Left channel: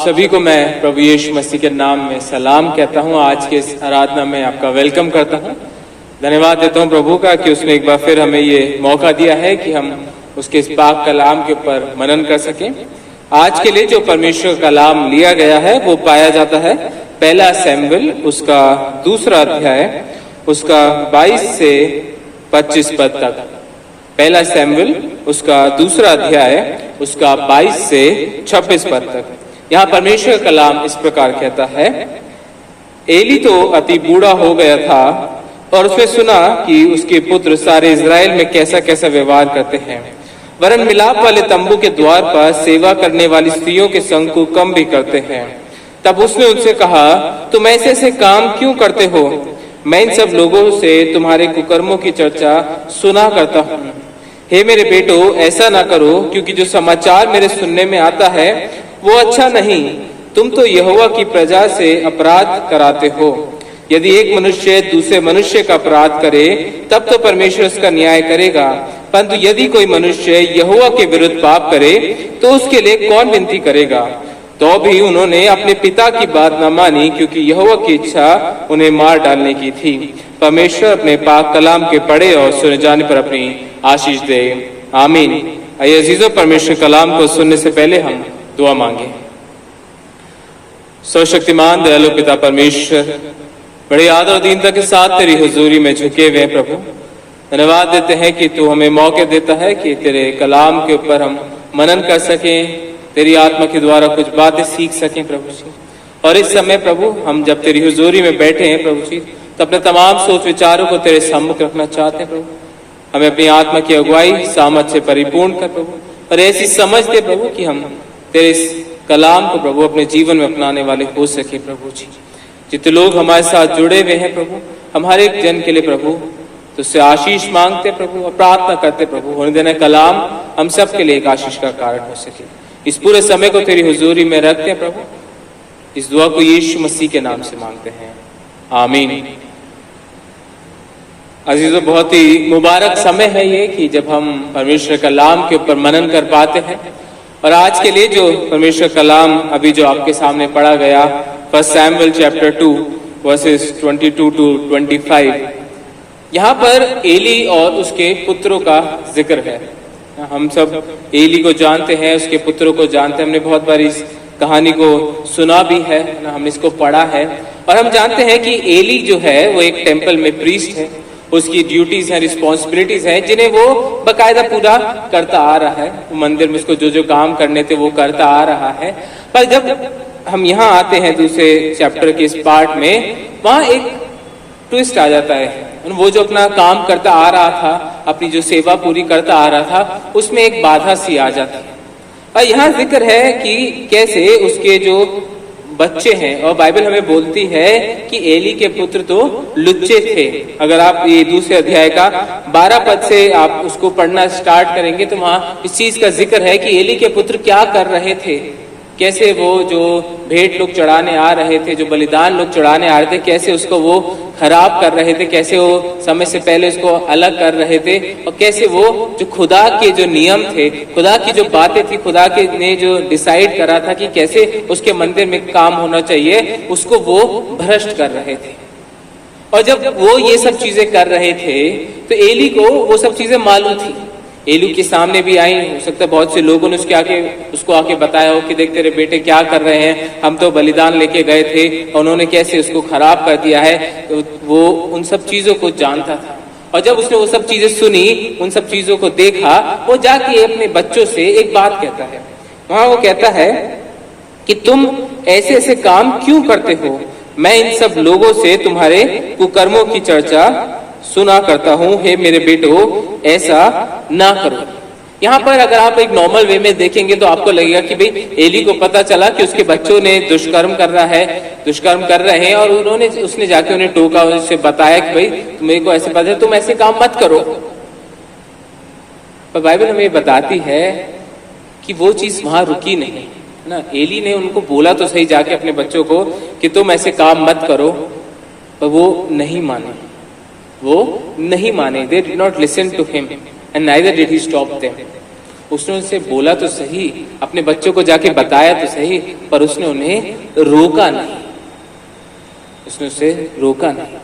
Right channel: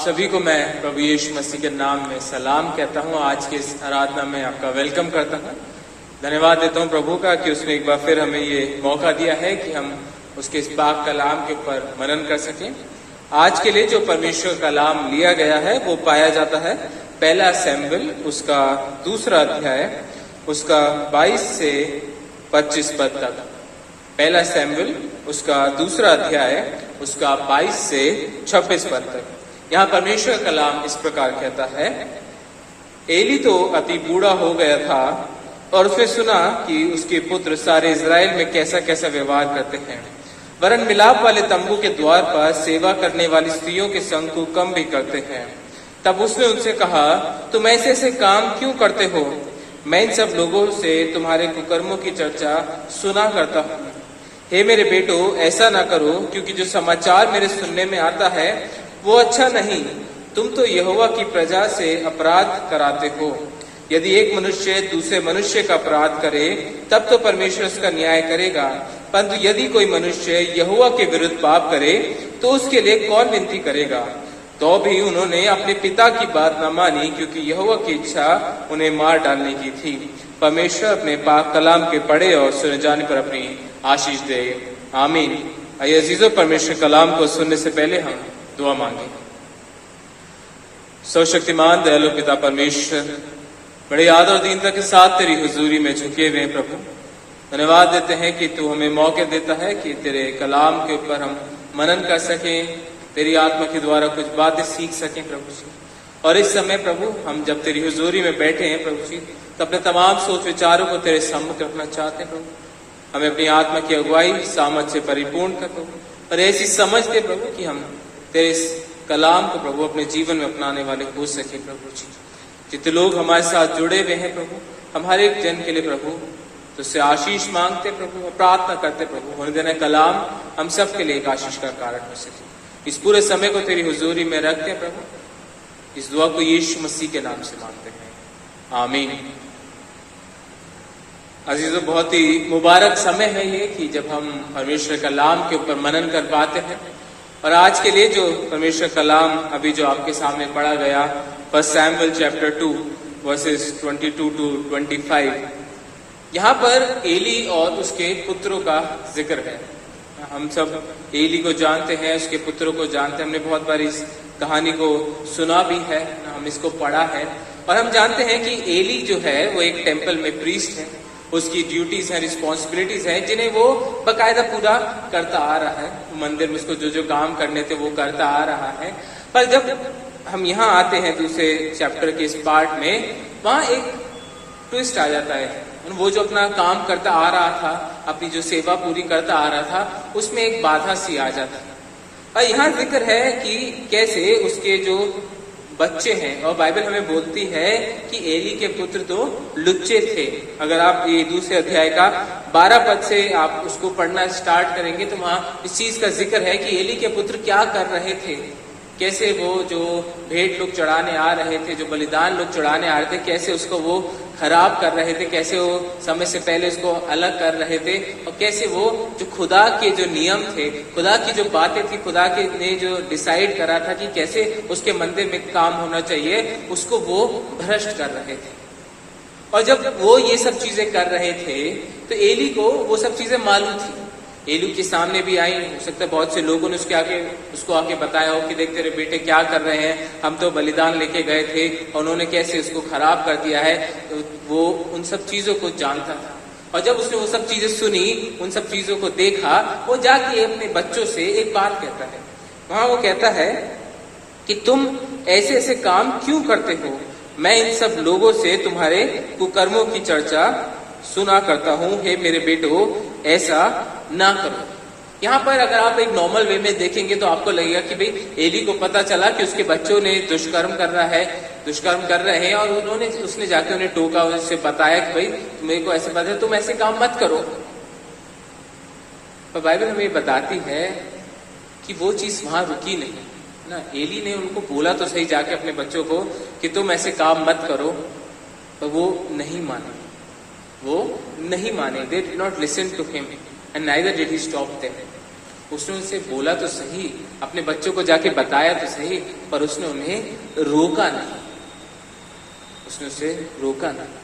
सभी को मैं प्रभु यीशु मसीह के नाम में सलाम कहता हूं। आज के इस आराधना में आपका वेलकम करता हूं। धन्यवाद देता हूं प्रभु का कि उसने एक बार फिर हमें ये मौका दिया है कि हम उसके इस पाक कलाम के ऊपर मनन कर सकें। आज के लिए जो परमेश्वर का कलाम लिया गया है वो पाया जाता है पहला शमूएल उसका 2 अध्याय उसका 22 से 25 पद तक। पहला शमूएल उसका 2 अध्याय उसका 22 से 26 पद तक। यहाँ परमेश्वर का कलाम इस प्रकार कहता है, एली तो अति बूढ़ा हो गया था और उसने सुना कि उसके पुत्र सारे इजराइल में कैसा कैसा व्यवहार करते हैं, वरन मिलाप वाले तंबू के द्वार पर सेवा करने वाली स्त्रियों के संग को कम भी करते हैं। तब उसने उनसे कहा, तुम ऐसे ऐसे काम क्यों करते हो? मैं इन सब लोगों से तुम्हारे कुकर्मों की चर्चा सुना करता हूँ। हे मेरे बेटो, ऐसा ना करो, क्योंकि जो समाचार मेरे सुनने में आता है वो अच्छा नहीं। तुम तो यहोवा की प्रजा से अपराध कराते हो। यदि एक मनुष्य दूसरे मनुष्य का अपराध करे तब तो परमेश्वर उसका न्याय करेगा, परंतु यदि कोई मनुष्य यहोवा के विरुद्ध पाप करे तो उसके लिए कौन विनती करेगा? तो भी उन्होंने अपने पिता की बात न मानी, क्योंकि यहोवा की इच्छा उन्हें मार डालने की थी। परमेश्वर अपने पाक कलाम के पढ़े और सुने जाने पर अपनी आशीष दे। आमीन। आइए अजीजों, परमेश्वर कलाम को सुनने से पहले हम दुआ मांगे। सर्वशक्तिमान दयालु पिता परमेश्वर, बड़े आदर और दीनता के साथ तेरी हुजूरी में झुके हुए हैं प्रभु। धन्यवाद देते हैं कि तू हमें मौके देता है कि तेरे कलाम के ऊपर हम मनन कर सकें, तेरी आत्मा के द्वारा कुछ बातें सीख सकें प्रभु जी। और इस समय प्रभु हम जब तेरी हुजूरी में बैठे हैं प्रभु जी, तो अपने तमाम सोच विचारों को तेरे सम्मुख रखना चाहते हैं प्रभु। हमें अपनी आत्मा की अगुवाई सामर्थ से परिपूर्ण कर प्रभु, और ऐसी समझ दे प्रभु कि हम तेरे इस कलाम को प्रभु अपने जीवन में अपनाने वाले हो सके प्रभु जी। जितने लोग हमारे साथ जुड़े हुए हैं प्रभु, हमारे एक जन के लिए प्रभु तुझसे आशीष मांगते प्रभु और प्रार्थना करते प्रभु, होने देना कलाम हम सब के लिए एक आशीष का कारण हो सके। इस पूरे समय को तेरी हुजूरी में रखते हैं प्रभु। इस दुआ को यीशु मसीह के नाम से मांगते हैं, आमीन। अजीजों, बहुत ही मुबारक समय है ये कि जब हम परमेश्वर कलाम के ऊपर मनन कर पाते हैं। और आज के लिए जो परमेश्वर कलाम अभी जो आपके सामने पढ़ा गया, 1 शमूएल चैप्टर 2 वर्सेस 22 to 25, यहाँ पर एली और उसके पुत्रों का जिक्र है। हम सब एली को जानते हैं, उसके पुत्रों को जानते हैं। हमने बहुत बार इस कहानी को सुना भी है, हमने इसको पढ़ा है। और हम जानते हैं कि एली जो है वो एक टेम्पल में प्रीस्ट है। उसकी ड्यूटीज हैं, रिस्पॉन्सिबिलिटीज हैं, जिन्हें वो बकायदा पूरा करता आ रहा है। मंदिर में उसको जो जो काम करने थे वो करता आ रहा है। पर जब हम यहाँ आते हैं दूसरे चैप्टर के इस पार्ट में, वहां एक ट्विस्ट आ जाता है। वो जो अपना काम करता आ रहा था, अपनी जो सेवा पूरी करता आ रहा था, उसमें एक बाधा सी आ जाती है। और यहाँ जिक्र है कि कैसे उसके जो बच्चे हैं, और बाइबल हमें बोलती है कि एली के पुत्र तो लुच्चे थे। अगर आप ये 2 अध्याय का 12 पद से आप उसको पढ़ना स्टार्ट करेंगे तो वहां इस चीज का जिक्र है कि एली के पुत्र क्या कर रहे थे, कैसे वो जो भेंट लोग चढ़ाने आ रहे थे, जो बलिदान लोग चढ़ाने आ रहे थे, कैसे उसको वो खराब कर रहे थे, कैसे वो समय से पहले उसको अलग कर रहे थे, और कैसे वो जो खुदा के जो नियम थे, खुदा की जो बातें थी, खुदा के ने जो डिसाइड करा था कि कैसे उसके मंदिर में काम होना चाहिए, उसको वो भ्रष्ट कर रहे थे। और जब वो ये सब चीजें कर रहे थे तो एली को वो सब चीजें मालूम थी। एली के सामने भी आई, हो सकता है बहुत से लोगों ने उसको आके बताया हो कि देख तेरे बेटे क्या कर रहे हैं, हम तो बलिदान लेके गए थे और उन्होंने कैसे उसको खराब कर दिया है। तो वो उन सब चीजों को जानता था। और जब उसने वो सब चीजें सुनी, उन सब चीजों को देखा, वो जाके अपने बच्चों से एक बात कहता है। वहां वो कहता है कि तुम ऐसे ऐसे काम क्यों करते हो? मैं इन सब लोगों से तुम्हारे कुकर्मों की चर्चा सुना करता हूँ। हे मेरे बेटो, ऐसा ना करो। यहाँ पर अगर आप एक नॉर्मल वे में देखेंगे तो आपको लगेगा कि भाई एली को पता चला कि उसके बच्चों ने दुष्कर्म कर रहे हैं, और उसने जाके उन्हें टोका, उससे बताया कि भाई मेरे को ऐसे पता है, तुम ऐसे काम मत करो। पर बाइबल हमें बताती है कि वो चीज वहां रुकी नहीं ना। एली ने उनको बोला तो सही जाके अपने बच्चों को कि तुम ऐसे काम मत करो, पर वो नहीं माने। They did not listen to him and neither did he stop them. उसने उनसे बोला तो सही, अपने बच्चों को जाके बताया तो सही, पर उसने उन्हें रोका नहीं, उसने उसे रोका नहीं।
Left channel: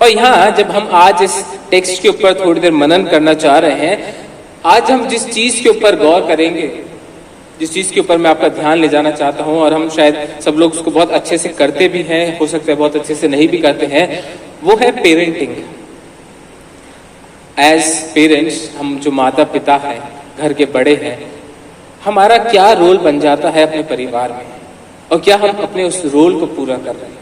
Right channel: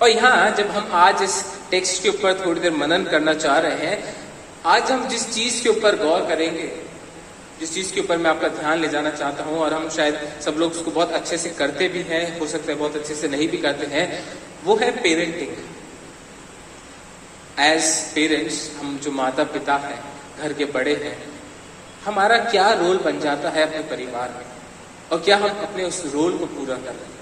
और यहाँ जब हम आज इस टेक्स्ट के ऊपर थोड़ी देर मनन करना चाह रहे हैं, आज हम जिस चीज के ऊपर गौर करेंगे, जिस चीज के ऊपर मैं आपका ध्यान ले जाना चाहता हूं, और हम शायद सब लोग उसको बहुत अच्छे से करते भी हैं, हो सकता है बहुत अच्छे से नहीं भी करते हैं, वो है पेरेंटिंग। एज पेरेंट्स, हम जो माता पिता हैं, घर के बड़े हैं, हमारा क्या रोल बन जाता है अपने परिवार में, और क्या हम अपने उस रोल को पूरा कर रहे हैं।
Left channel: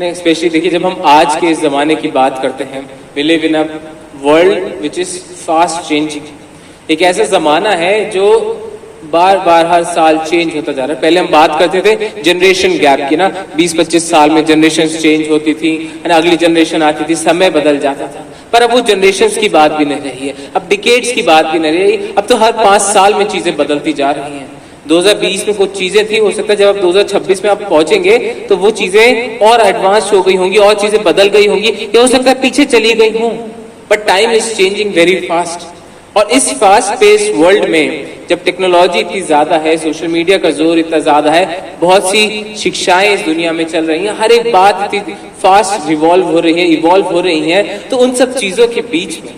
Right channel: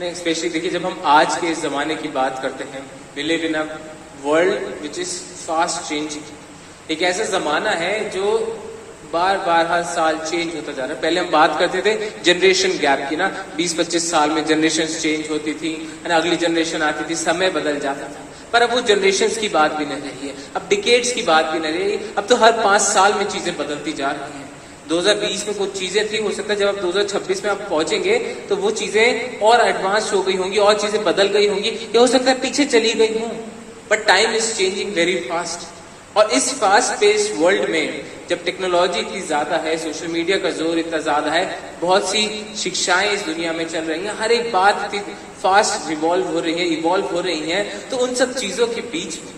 नहीं, स्पेशली देखिए, जब हम आज के इस जमाने की बात करते हैं, we live in a world which is fast changing. एक ऐसा जमाना है जो बार बार हर साल चेंज होता जा रहा है। पहले हम बात करते थे जनरेशन गैप की ना, 20-25 साल में जनरेशन चेंज होती थी, अगली जनरेशन आती थी, समय बदल जाता था। पर अब वो जनरेशन की बात भी नहीं रही है, अब डिकेड्स की बात भी नहीं रही, अब तो हर 5 साल में चीजें बदलती जा रही हैं। 2020 में कुछ चीजें थी, हो सकता है जब आप 2026 में आप पहुंचेंगे तो वो चीजें और एडवांस हो गई होंगी, और चीजें बदल गई होंगी, या हो सकता है पीछे चली गई हों। But time is changing very fast, और इस फास्ट पेस वर्ल्ड में जब टेक्नोलॉजी इतनी ज्यादा है, सोशल मीडिया का जोर इतना ज्यादा है, बहुत सी शिक्षाएं इस दुनिया में चल रही हैं, हर एक बात इतनी फास्ट रिवॉल्व हो रही है, इवॉल्व हो रही है, तो उन सब चीजों के बीच में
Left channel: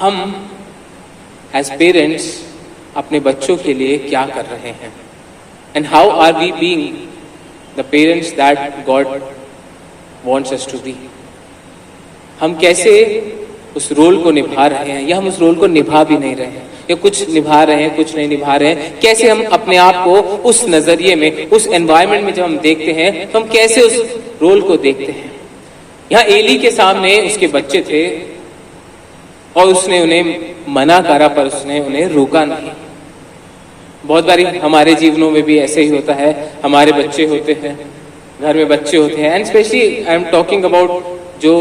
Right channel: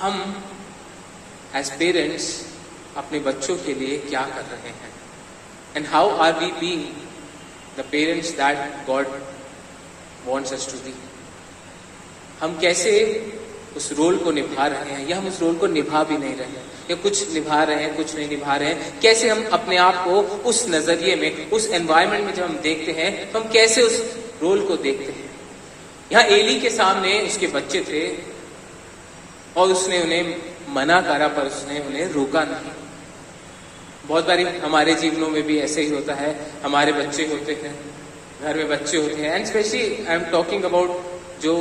हम एज पेरेंट्स अपने बच्चों के लिए क्या कर रहे हैं, and how are we being the parents that God wants us to be. हम कैसे उस रोल को निभा रहे हैं, या हम उस रोल को निभा भी नहीं रहे हैं, या कुछ निभा रहे हैं कुछ नहीं निभा रहे हैं। कैसे हम अपने आप को उस नजरिए में, उस एनवायरनमेंट में जब हम देखते हैं, तो हम कैसे उस रोल को देखते हैं। यहाँ एली के सामने उसके बच्चे थे, और उसने उन्हें मना करा, पर उसने उन्हें रोका नहीं। बहुत बारी हमारे जीवनों में भी ऐसे ही होता है, हमारे बच्चे होते हैं, घर में बच्चे होते हैं, and specially I am talking about जो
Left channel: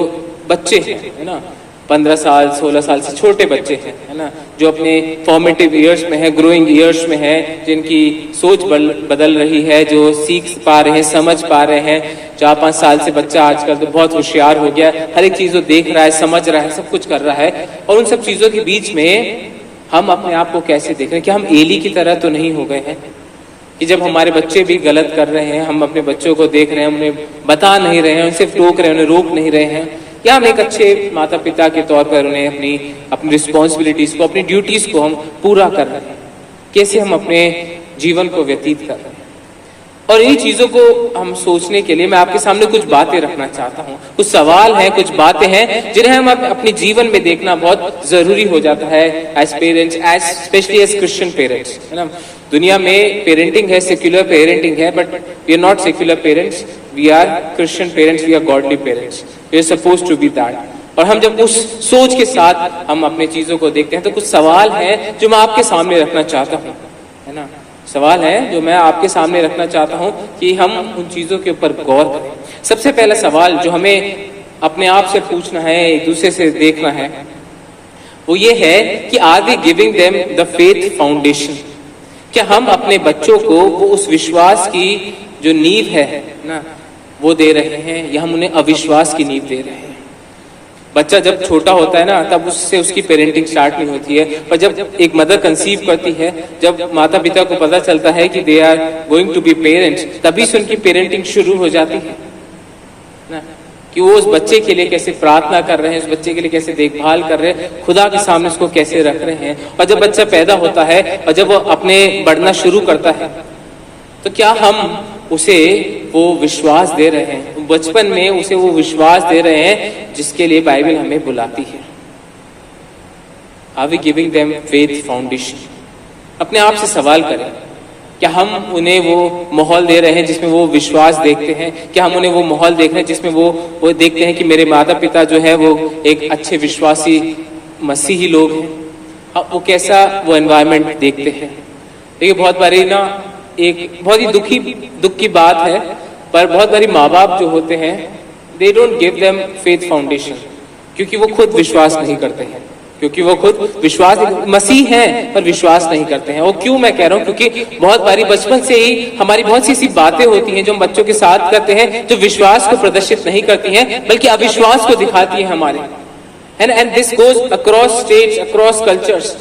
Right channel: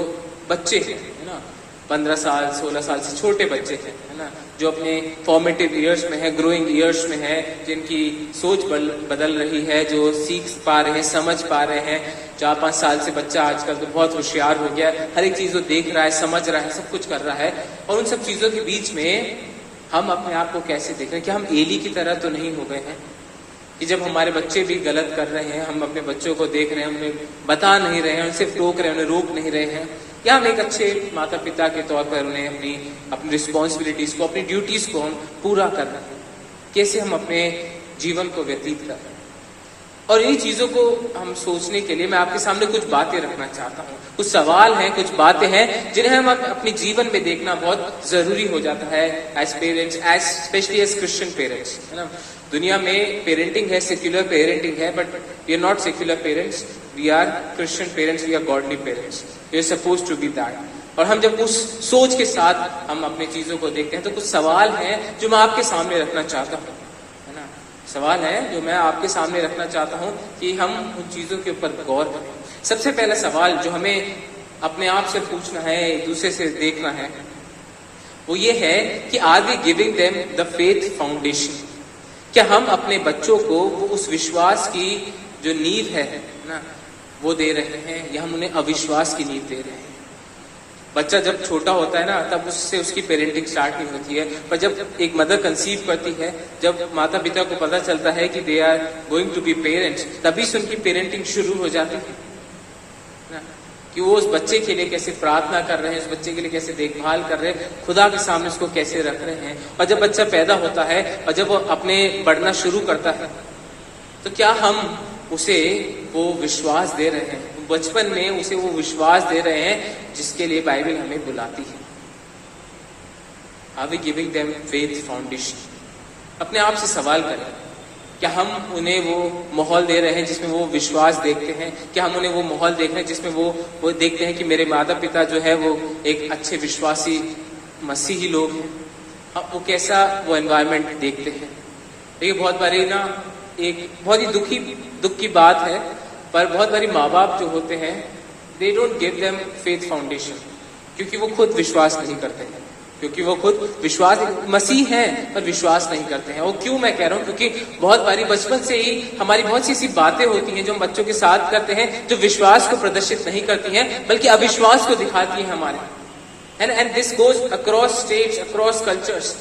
बच्चे हैं, है ना, 15 साल 16 साल से छोटे बच्चे हैं, है ना, जो अपने फॉर्मेटिव ईयर्स में है, ग्रोइंग ईयर्स में है, जिनकी सोच बदल रही है, जो सीख पा रहे हैं, समझ पा रहे हैं। 4-5 साल से बच्चा आजकल तो बहुत होशियार हो गया, हर एक चीज को देख रहा है, समझ रहा है, सब कुछ कर रहा है। और उन सब चीजों के बीच में हम अपने आप को कैसे देख रहे हैं? क्या हम एली की तरह तो नहीं हो गए हैं कि जब हमारे बच्चे भी गलत कर रहे हैं, हम अपने बच्चों को देख रहे हैं, उन्हें बता नहीं रहे हैं, उनसे टोक रहे हैं, उन्हें रोक नहीं रहे हैं, या हम एक अच्छे माता पिता के तौर पर उन्हें अपनी रिस्पॉन्सिबिलिटीज को, अपनी ड्यूटीज को हम पूरा कर रहे हैं? कैसे हम अपने जीवन को व्यतीत कर रहे हैं? और इन चीजों को हम सोचने के लिए मैं आपके सामने कुछ बातें रखना चाहता हूँ। कुछ सवाल हैं, कुछ बातें हैं जिन्हें हम अपने जीवन में देखना बहुत जरूरी हो जाता है as parents, as specially as Christian parents, है ना। दुनिया में पेरेंटिंग है, सेक्युलर पेरेंटिंग है, but we are not secular parents, we are Christian parents, we are godly parents, we are supposed to be that. और हम जब उस सोच के साथ हम अपने चीजों को देखते हैं, तो कुछ सवाल हैं जो मैं आपके सामने रखना चाहता हूँ, है ना। सवाल है जो मैं आपके सामने रखना चाहता हूं कि हम उन चीजों के ऊपर गौर करें। सबसे पहला सवाल जो हमें अपने आप से पूछना है, एक दूसरे से देखना है, वो ये है कि are we giving them the faith foundation? क्या हम अपने बच्चों को वो उस विश्वास की जो नींव है ना, वो दे रहे हैं, या हम उन्हें अविश्वास की नींव दे रहे हैं? बच्चा जब छोटा होता है ना, तब उससे उसकी पेरेंटिंग स्टार्ट नहीं होती है, पर जब एक मदर कंसीव करती है, जब माता पिता को पता चलता है कि they are going to be parents, तभी से उनकी पेरेंटिंग शुरू हो जाती है ना, कि वो उस बच्चे के लिए कैसे प्रार्थना कर रहे हैं, उस बच्चे के लिए कैसे देखभाल कर रहे हैं, खुदा के सामने उसको कैसे रख रहे हैं। और जब बच्चा पैदा होता है और जब वो अपने बढ़ना शुरू करता है, तो क्या हम उसे वो विश्वास दे रहे हैं, बचपन में उसे वो विश्वास दे रहे हैं जिसके लिए बाइबल हमें बुलाती है? Are we giving them faith foundation? अपने आप से सवाल करें, क्या हम उन्हें वो माहौल दे रहे हैं जिसमें वो विश्वास देखते हैं? क्या हम उन्हें वो माहौल देख रहे हैं जिसमें वो देखते हैं कि मेरे माता पिता जो है वो एक अच्छे विश्वासी मसीही लोग हैं? अब वो कैसा वो एनवायरनमेंट देखते हैं? देखिए, बहुत बारी ना, एक बहुत ही दुख की बात है, पर बहुत बारी माँ बाप जो होते हैं, they don't give them faith foundation, क्योंकि वो खुद विश्वास नहीं करते हैं, क्योंकि वो खुद विश्वास मसीह हैं पर विश्वास नहीं करते हैं। वो क्यों मैं कह रहा हूँ? क्योंकि बहुत बारी बचपन से ही हमारी बहुत सी ऐसी बातें होती हैं जो हम बच्चों के साथ करते हैं, जो विश्वास को प्रदर्शित नहीं करती हैं बल्कि अविश्वास को दिखाती है हमारे। And this goes across states, across cultures.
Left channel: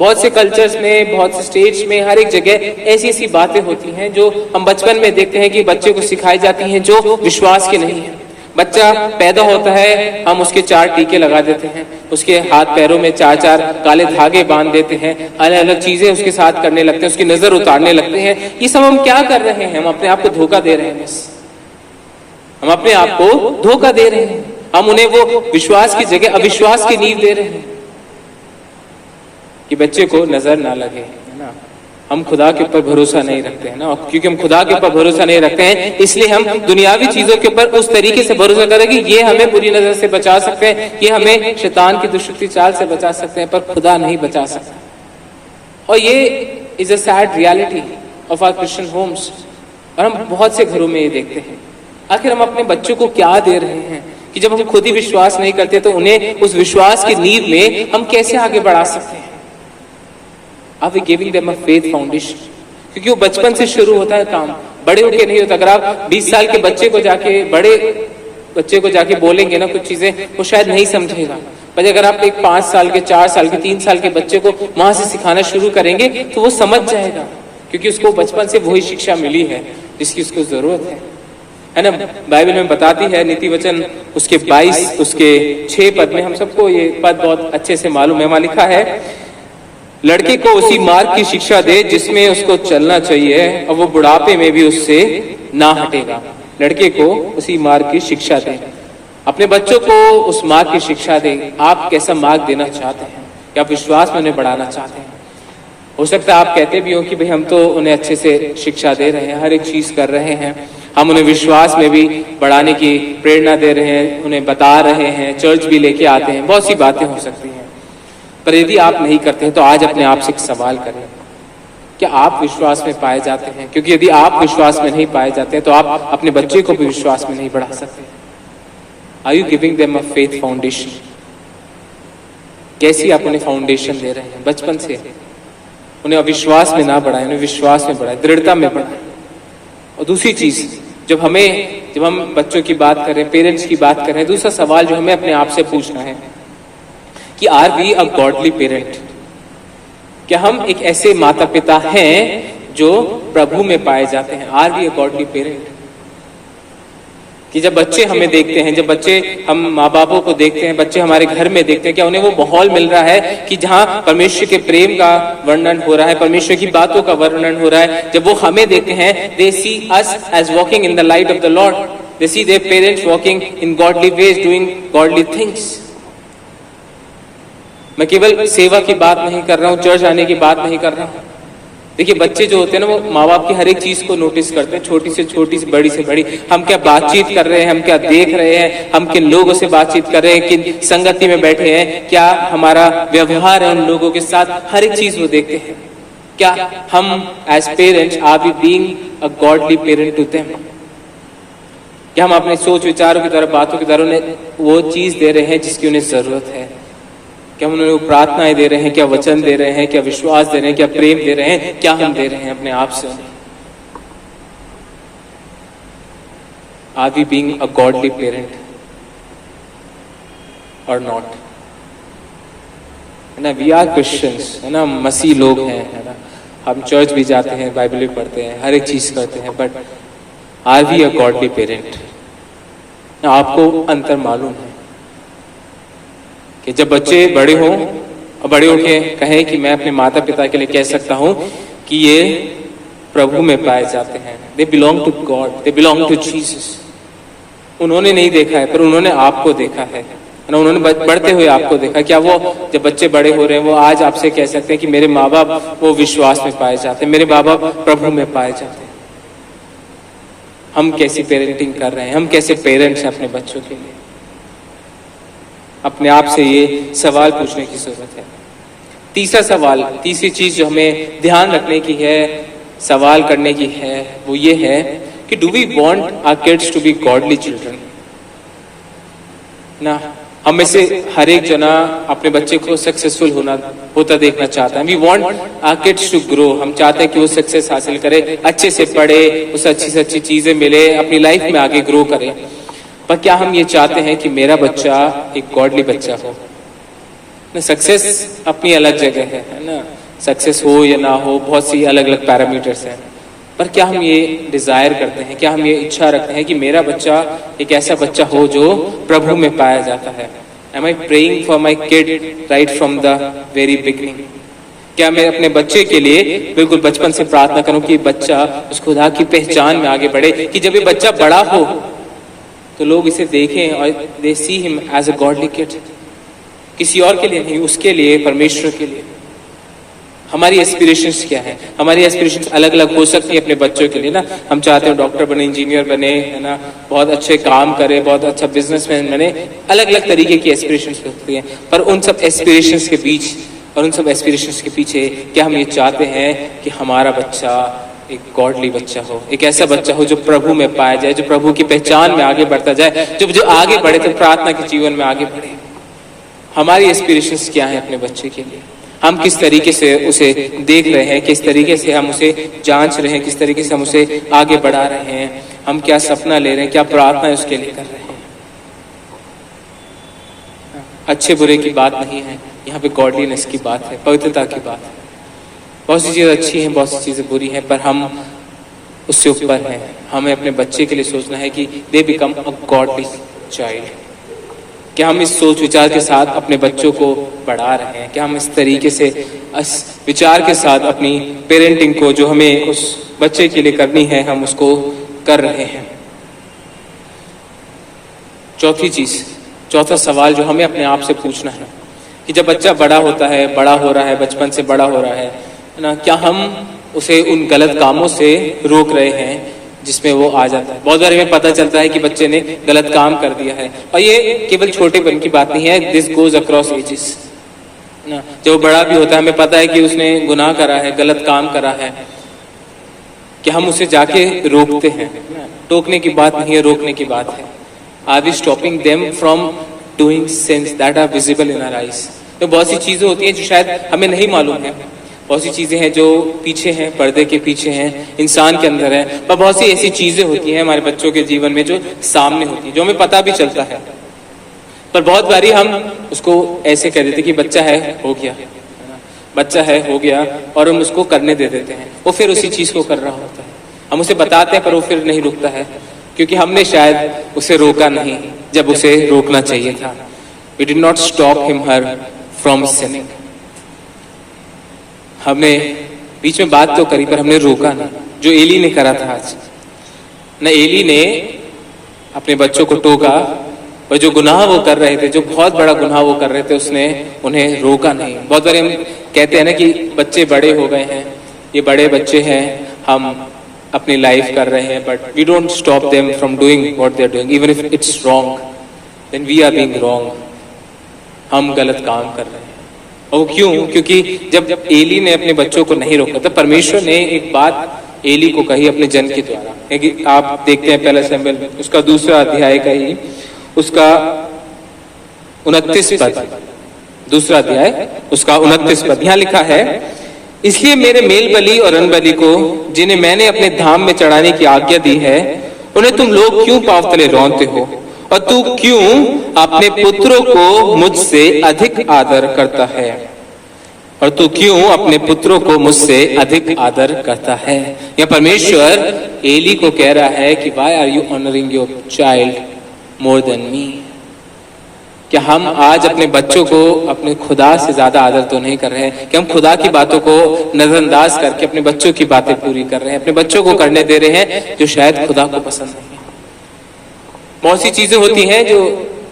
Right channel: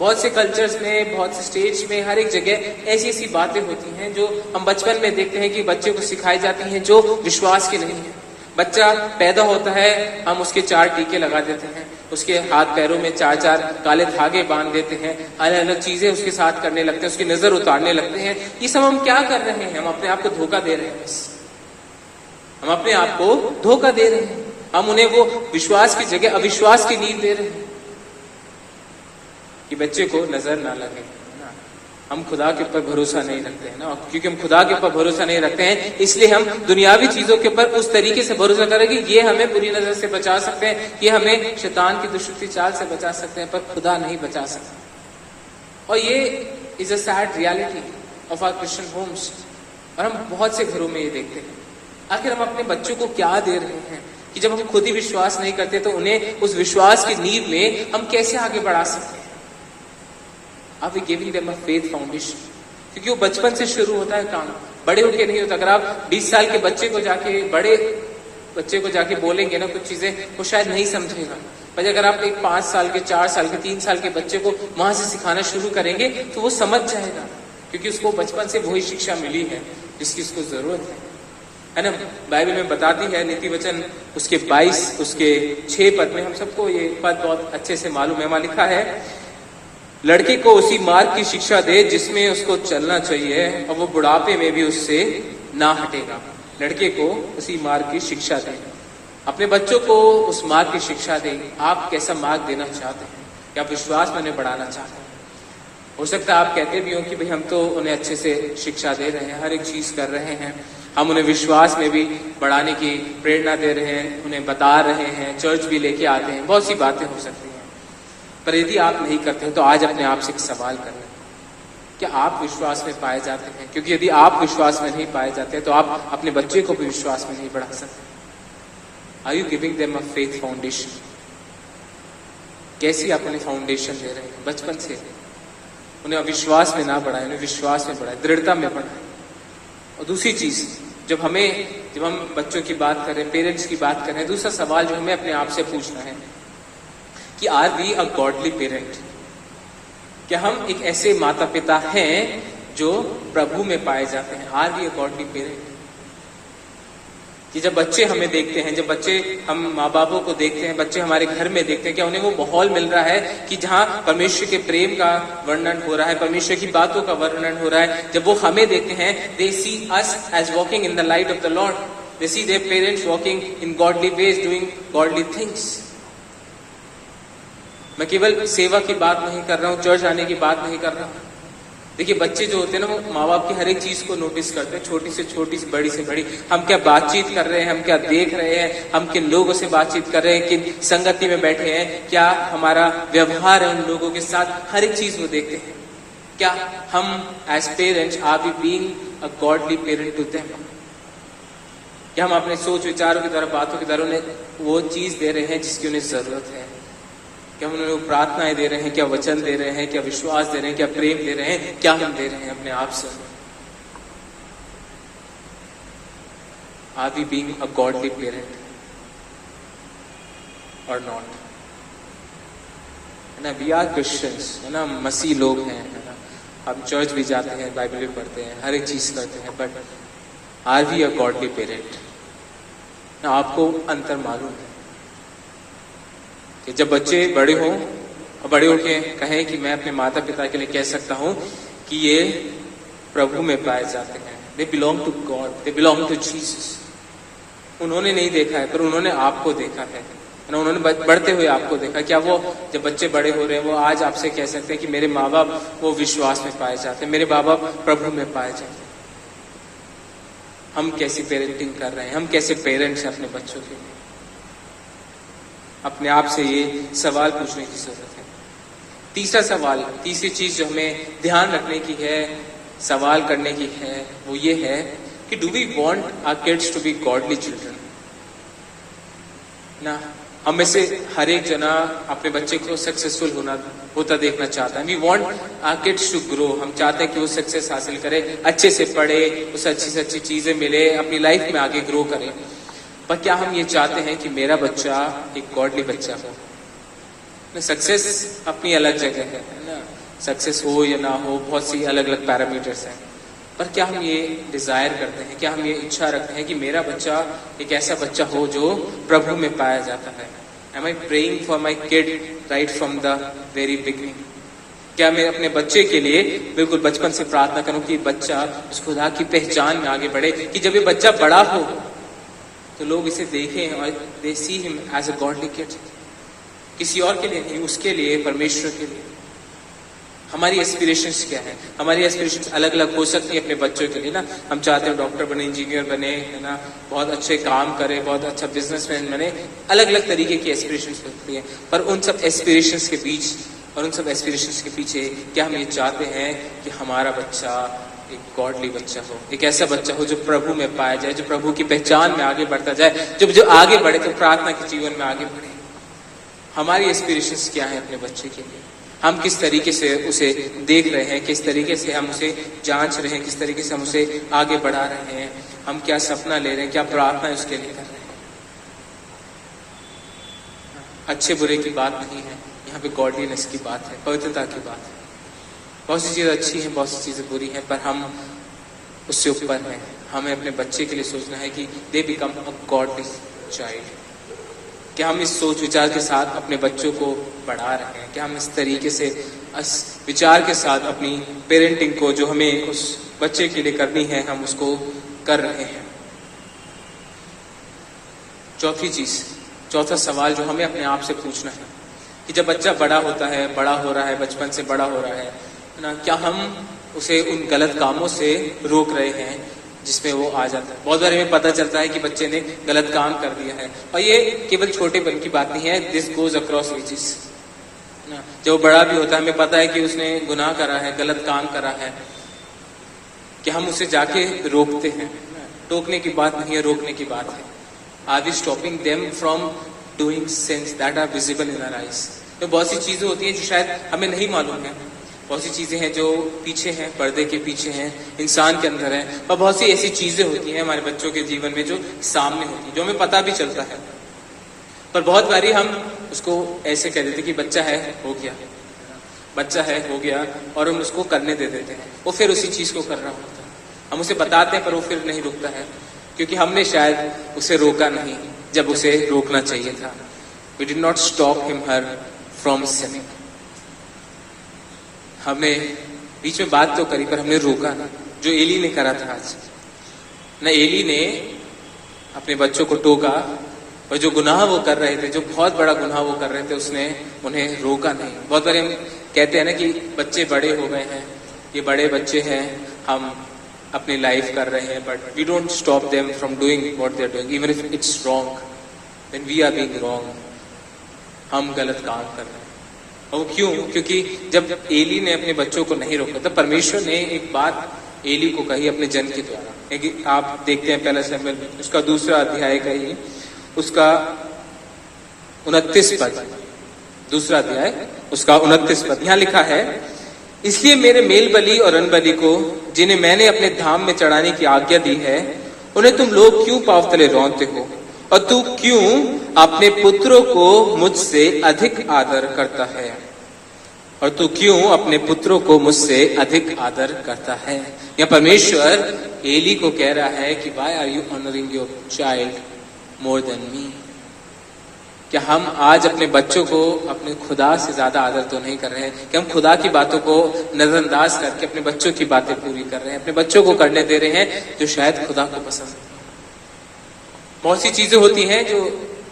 बहुत से कल्चर्स में, बहुत से स्टेट्स में, हर एक जगह ऐसी ऐसी बातें होती हैं जो हम बचपन में देखते हैं कि बच्चे को सिखाई जाती हैं जो विश्वास की नहीं है। बच्चा पैदा होता है, हम उसके 4 टीके लगा देते हैं, उसके हाथ पैरों में 4 काले धागे बांध देते हैं, अलग अलग चीजें उसके साथ करने लगते हैं, उसकी नजर उतारने लगते हैं। ये सब हम क्या कर रहे हैं? हम अपने आप को धोखा दे रहे हैं। बस हम अपने आप को धोखा दे रहे हैं। हम उन्हें वो विश्वास की जगह अविश्वास की नींव दे रहे हैं कि बच्चे को नजर ना लगे, है ना। हम खुदा के ऊपर भरोसा नहीं रखते हैं ना, क्योंकि हम खुदा के ऊपर भरोसा नहीं रखते हैं, इसलिए हम दुनियावी चीजों के ऊपर उस तरीके से भरोसा करें कि ये हमें बुरी नजर से बचा सकते हैं, ये हमें शैतान की दुष्टि चाल से बचा सकते हैं, पर खुदा नहीं बचा सकता। और ये is a sad reality of our Christian homes. और हम बहुत से घरों में ये देखते हैं। आखिर हम अपने बच्चों को क्या दे रहे हैं कि जब हम खुद ही विश्वास नहीं करते तो उन्हें उस विश्वास की नींव में हम कैसे आगे बढ़ा सकते हैं? Are we giving them a faith foundation? क्योंकि वो बचपन से शुरू होता है काम, बड़े होके नहीं होता। अगर आप 20 साल के बच्चे को जाके, बड़े बच्चे को जाके बोलेंगे ना कुछ चीजें, वो शायद नहीं समझेगा। पर अगर आप एक 5 साल के, 4 साल के, 3 साल के बच्चे को वहां से सिखाना शुरू करेंगे तो वो समझ जाएगा, क्योंकि उसको बचपन से वही शिक्षा मिली है जिसकी उसको जरूरत है ना। बाइबल में बताती है, नीति वचन उसके 22 उसके 6 पद में, हम सबको ये पद बहुत अच्छे से मालूम है। वहां लिखा है, लड़के को उसी मार्ग की शिक्षा दे जिसमें उसको चलना चाहिए, और वो बुढ़ापे में भी उससे ना हटेगा। लड़के को उसी मार्ग की शिक्षा दे। अपने बच्चों को उस मार्ग की शिक्षा दे। आप कैसा मार्ग देना चाहते हैं? क्या आप विश्वास में उन्हें बढ़ाना चाहते हैं? हो सकता है आप कहते भी हो कि भाई हम तो उन्हें अच्छे से शिक्षा दे रहे हैं, हर एक चीज कर रहे हैं, हम उन्हें विश्वास में भी बढ़ाने की प्रेरणा दे रहे हैं, उन्हें बता रहे हैं, चर्च भी लेके आते हैं, बहुत सी बातें हो सकती हैं। पर यदि आप नहीं करते हैं तो आज अपने आप से एक सवाल करें, क्या आप विश्वास में पाए जाते हैं? क्योंकि यदि आप विश्वास में नहीं पाए जाते हैं तो आप अपने बच्चे को भी विश्वास में नहीं बढ़ा सकते। Are you giving them a faith foundation? कैसी आप उन्हें फाउंडेशन दे रहे हैं? बचपन से उन्हें अविश्वास में ना बढ़ाएं, उन्हें विश्वास में बढ़ाएं, दृढ़ता में बढ़ाएं। और दूसरी चीज, जब हम बच्चों की बात करें, पेरेंट्स की बात करें, दूसरा सवाल जो हमें अपने आप से पूछना है कि are we a godly parent? क्या हम एक ऐसे माता पिता हैं जो प्रभु में पाए जाते हैं? Are we a godly parent? कि जब बच्चे हमें देखते हैं, जब बच्चे हम माँ बापों को देखते हैं, बच्चे हमारे घर में देखते हैं, क्या उन्हें वो माहौल मिल रहा है कि जहाँ परमेश्वर के प्रेम का वर्णन हो रहा है, परमेश्वर की बातों का वर्णन हो रहा है? जब वो हमें देखते हैं, they see us as walking in the light of the Lord, they see their parents walking in godly ways, doing godly things. मैं केवल सेवा की बात नहीं कर रहा हूँ, चर्च आने की बात नहीं कर रहा हूँ। देखिए, बच्चे जो होते हैं ना, वो माँ बाप की हर एक चीज को नोटिस करते हैं, छोटी से छोटी से बड़ी से बड़ी। हम क्या बातचीत कर रहे हैं, हम क्या देख रहे हैं, हम किन लोगों से बातचीत कर रहे हैं, किन संगति में बैठे हैं, क्या हमारा व्यवहार है उन लोगों के साथ, हर एक चीज वो देखते हैं। क्या हम as parents are we being a godly parent to them? क्या हम अपने सोच विचारों की तरफ, बातों की तरफ उन्हें वो चीज दे रहे हैं जिसकी उन्हें जरूरत है? क्या हम उन्हें प्रार्थनाएं दे रहे हैं, क्या वचन दे रहे हैं, क्या विश्वास दे रहे हैं, क्या प्रेम दे रहे हैं, क्या हम दे रहे हैं अपने आप से? Are we being a godly parent और नॉट? है ना, वी आर क्रिश्चियंस, है ना, मसीह लोग हैं, है ना, हम चर्च भी जाते हैं, बाइबल भी पढ़ते हैं, हर एक चीज करते हैं, but are we a godly parent? आपको अंतर मालूम है कि जब बच्चे बड़े हों और बड़े होके कहें कि मैं अपने माता पिता के लिए कह सकता हूं कि ये प्रभु में पाए जाते हैं, they belong to God, they belong to Jesus. उन्होंने नहीं देखा है, पर उन्होंने आपको देखा है ना, उन्होंने बढ़ते हुए आपको देखा। क्या वो जब बच्चे बड़े हो रहे हैं, वो आज आपसे कह सकते हैं कि मेरे माँ बाप वो विश्वास में पाए जाते हैं, मेरे माँ बाप प्रभु में पाए जाते हैं? हम कैसी पेरेंटिंग कर रहे हैं? हम कैसे पेरेंट्स हैं अपने बच्चों के लिए? अपने आप से ये सवाल पूछने की जरूरत है। तीसरा सवाल, तीसरी चीज जो हमें ध्यान रखने की है, सवाल करने की है, वो ये है कि do we want our kids to be godly children? ना, हम में से हर एक जना अपने बच्चे को सक्सेसफुल होता देखना चाहता है। We want our kids to grow. हम चाहते हैं कि वो सक्सेस हासिल करे, अच्छे से पढ़े, उसे अच्छी से अच्छी चीजें मिले, अपनी लाइफ में आगे ग्रो करे। पर क्या हम ये चाहते हैं कि मेरा बच्चा एक गॉडली बच्चा हो? सक्सेस अपनी अलग जगह है ना, सक्सेस हो या ना हो, बहुत सी अलग अलग पैरामीटर्स हैं, पर क्या हम ये डिजायर करते हैं, क्या हम ये इच्छा रखते हैं कि मेरा बच्चा एक ऐसा बच्चा हो जो प्रभु में पाया जाता है? Am I praying for my kid right from the very beginning? क्या मैं अपने बच्चे के लिए बिल्कुल बचपन से प्रार्थना करूं कि बच्चा उस खुदा की पहचान में आगे बढ़े, कि जब ये बच्चा बड़ा हो तो लोग इसे देखें और they see him as a godly kid, किसी और के लिए नहीं, उसके लिए, परमेश्वर के लिए। हमारी एस्पिरेशंस क्या है? हमारी एस्पिरेशंस अलग अलग हो सकती है अपने बच्चों के लिए ना। हम चाहते हैं डॉक्टर बने, इंजीनियर बने, है ना, बहुत अच्छे काम करे, बहुत अच्छा बिजनेसमैन बने, अलग अलग तरीके की एस्पिरेशंस होती हैं। पर उन सब एस्पिरेशंस के बीच और उन सब एस्पिरेशंस के पीछे क्या हम ये चाहते हैं कि हमारा बच्चा एक गॉडली बच्चा हो, एक ऐसा बच्चा हो जो प्रभु में पाया जाए, जो प्रभु की पहचान में आगे बढ़ता जाए, जो आगे बढ़े तो प्रार्थना के जीवन में आगे बढ़े। हमारी एस्पिरेशंस क्या है अपने बच्चे के लिए? हम किस तरीके से उसे देख रहे हैं, किस तरीके से हम उसे जांच रहे हैं, किस तरीके से हम उसे आगे बढ़ा रहे हैं, हम क्या सपना ले रहे हैं, क्या प्रार्थना उसके लिए कर रहे हैं। अच्छे बुरे की बात नहीं है, यहाँ पे गॉडलीनेस की बात है, पवित्रता की बात है। बहुत सी चीजें अच्छी हैं, बहुत सी चीजें बुरी हैं, पर हम उससे ऊपर हैं। हमें अपने बच्चे के लिए सोचना है कि they become a godly child. क्या हम इस सोच विचार के साथ अपने बच्चों को बढ़ा रहे हैं? क्या हम इस तरीके से इस विचार के साथ अपनी पेरेंटिंग को जो हमें उस बच्चे के लिए करनी है, हम उसको कर रहे हैं? चौथा सवाल जो हमें अपने आप से पूछना है कि जब बच्चा बड़ा होता है, बड़ा हो रहा है, बचपन से बड़ा हो रहा है ना, क्या हम उसे उन गलत कामों से रोक रहे हैं जिसमें वो आ जाता है? बहुत बार हमें पता चलता है कि बच्चे ने गलत काम कर दिया है, और ये केवल छोटेपन की बात नहीं है, दिस गोज अक्रॉस एजेस ना। जब बड़ा भी होता है, हमें पता है कि उसने गुनाह करा है, गलत काम करा है, कि हम उसे जाके रोकते हैं। टोकने की बात नहीं है, रोकने की बात है। Are we stopping them from doing sins that are visible in our eyes? तो बहुत सी चीजें होती हैं जो शायद हमें नहीं मालूम है, बहुत सी चीजें हैं जो पीछे हैं, पर्दे के पीछे हैं, इंसान के अंदर है, और बहुत सी ऐसी चीजें होती हैं हमारे बच्चों के जीवन में जो सामने होती है, जो हमें पता भी चलता है, पर बहुत बारी हम उसको ऐसे कह देते कि बच्चा है, हो गया, बच्चा है, हो गया, और हम उसको करने दे देते हैं। वो फिर उसी चीज को कर रहा होता है, हम उसे बताते हैं पर वो फिर नहीं रुकता है, क्योंकि हमने शायद उसे रोका नहीं जब उसे रोकना चाहिए था। We did not stop him her from sinning. हमने बीच में बात तो करी पर हमने रोका नहीं, जो एली ने करा था आज न। एली ने अपने बच्चों को टोका, और जो गुनाह वो कर रहे थे, जो बहुत बड़ा गुनाह वो कर रहे थे, उसने उन्हें रोका नहीं। बहुत बार हम कहते हैं ना कि बच्चे बड़े हो गए हैं, ये बड़े बच्चे हैं, हम अपनी लाइफ कर रहे हैं, but we don't stop them from doing what they are doing, even if it's wrong, then we are being wrong. हम गलत काम कर रहे हैं। और क्यों? क्योंकि जब एली ने अपने बच्चों को नहीं रोका, तो परमेश्वर ने एक बात एली को कही अपने जन के द्वारा। आप देखते हैं पहला शमूएल उसका 2 अध्याय का ही उसका 29 पद, 2 अध्याय उसका 29 पद, यहाँ लिखा है, इसलिए मेरे मेल बलि और अन्न बलि को जिन्हें मैंने अपने धाम में चढ़ाने की आज्ञा दी है, उन्हें तुम लोग क्यों पांव तले रौंदते हो? और तू क्यों अपने पुत्रों को मुझसे अधिक आदर करता है? और तू क्यों अपने पुत्रों को मुझसे अधिक आदर करता है? यह परमेश्वर एली को कह रहा है कि why are you honouring your child more than me? क्या हम आज अपने बच्चों को अपने खुदा से ज्यादा आदर तो नहीं कर रहे हैं? कि हम खुदा की बातों को नजरअंदाज करके अपने बच्चों की बातें पूरी कर रहे हैं, अपने बच्चों को करने दे रहे हैं जो शायद खुदा को पसंद नहीं है? बहुत सी चीजें होती हैं जो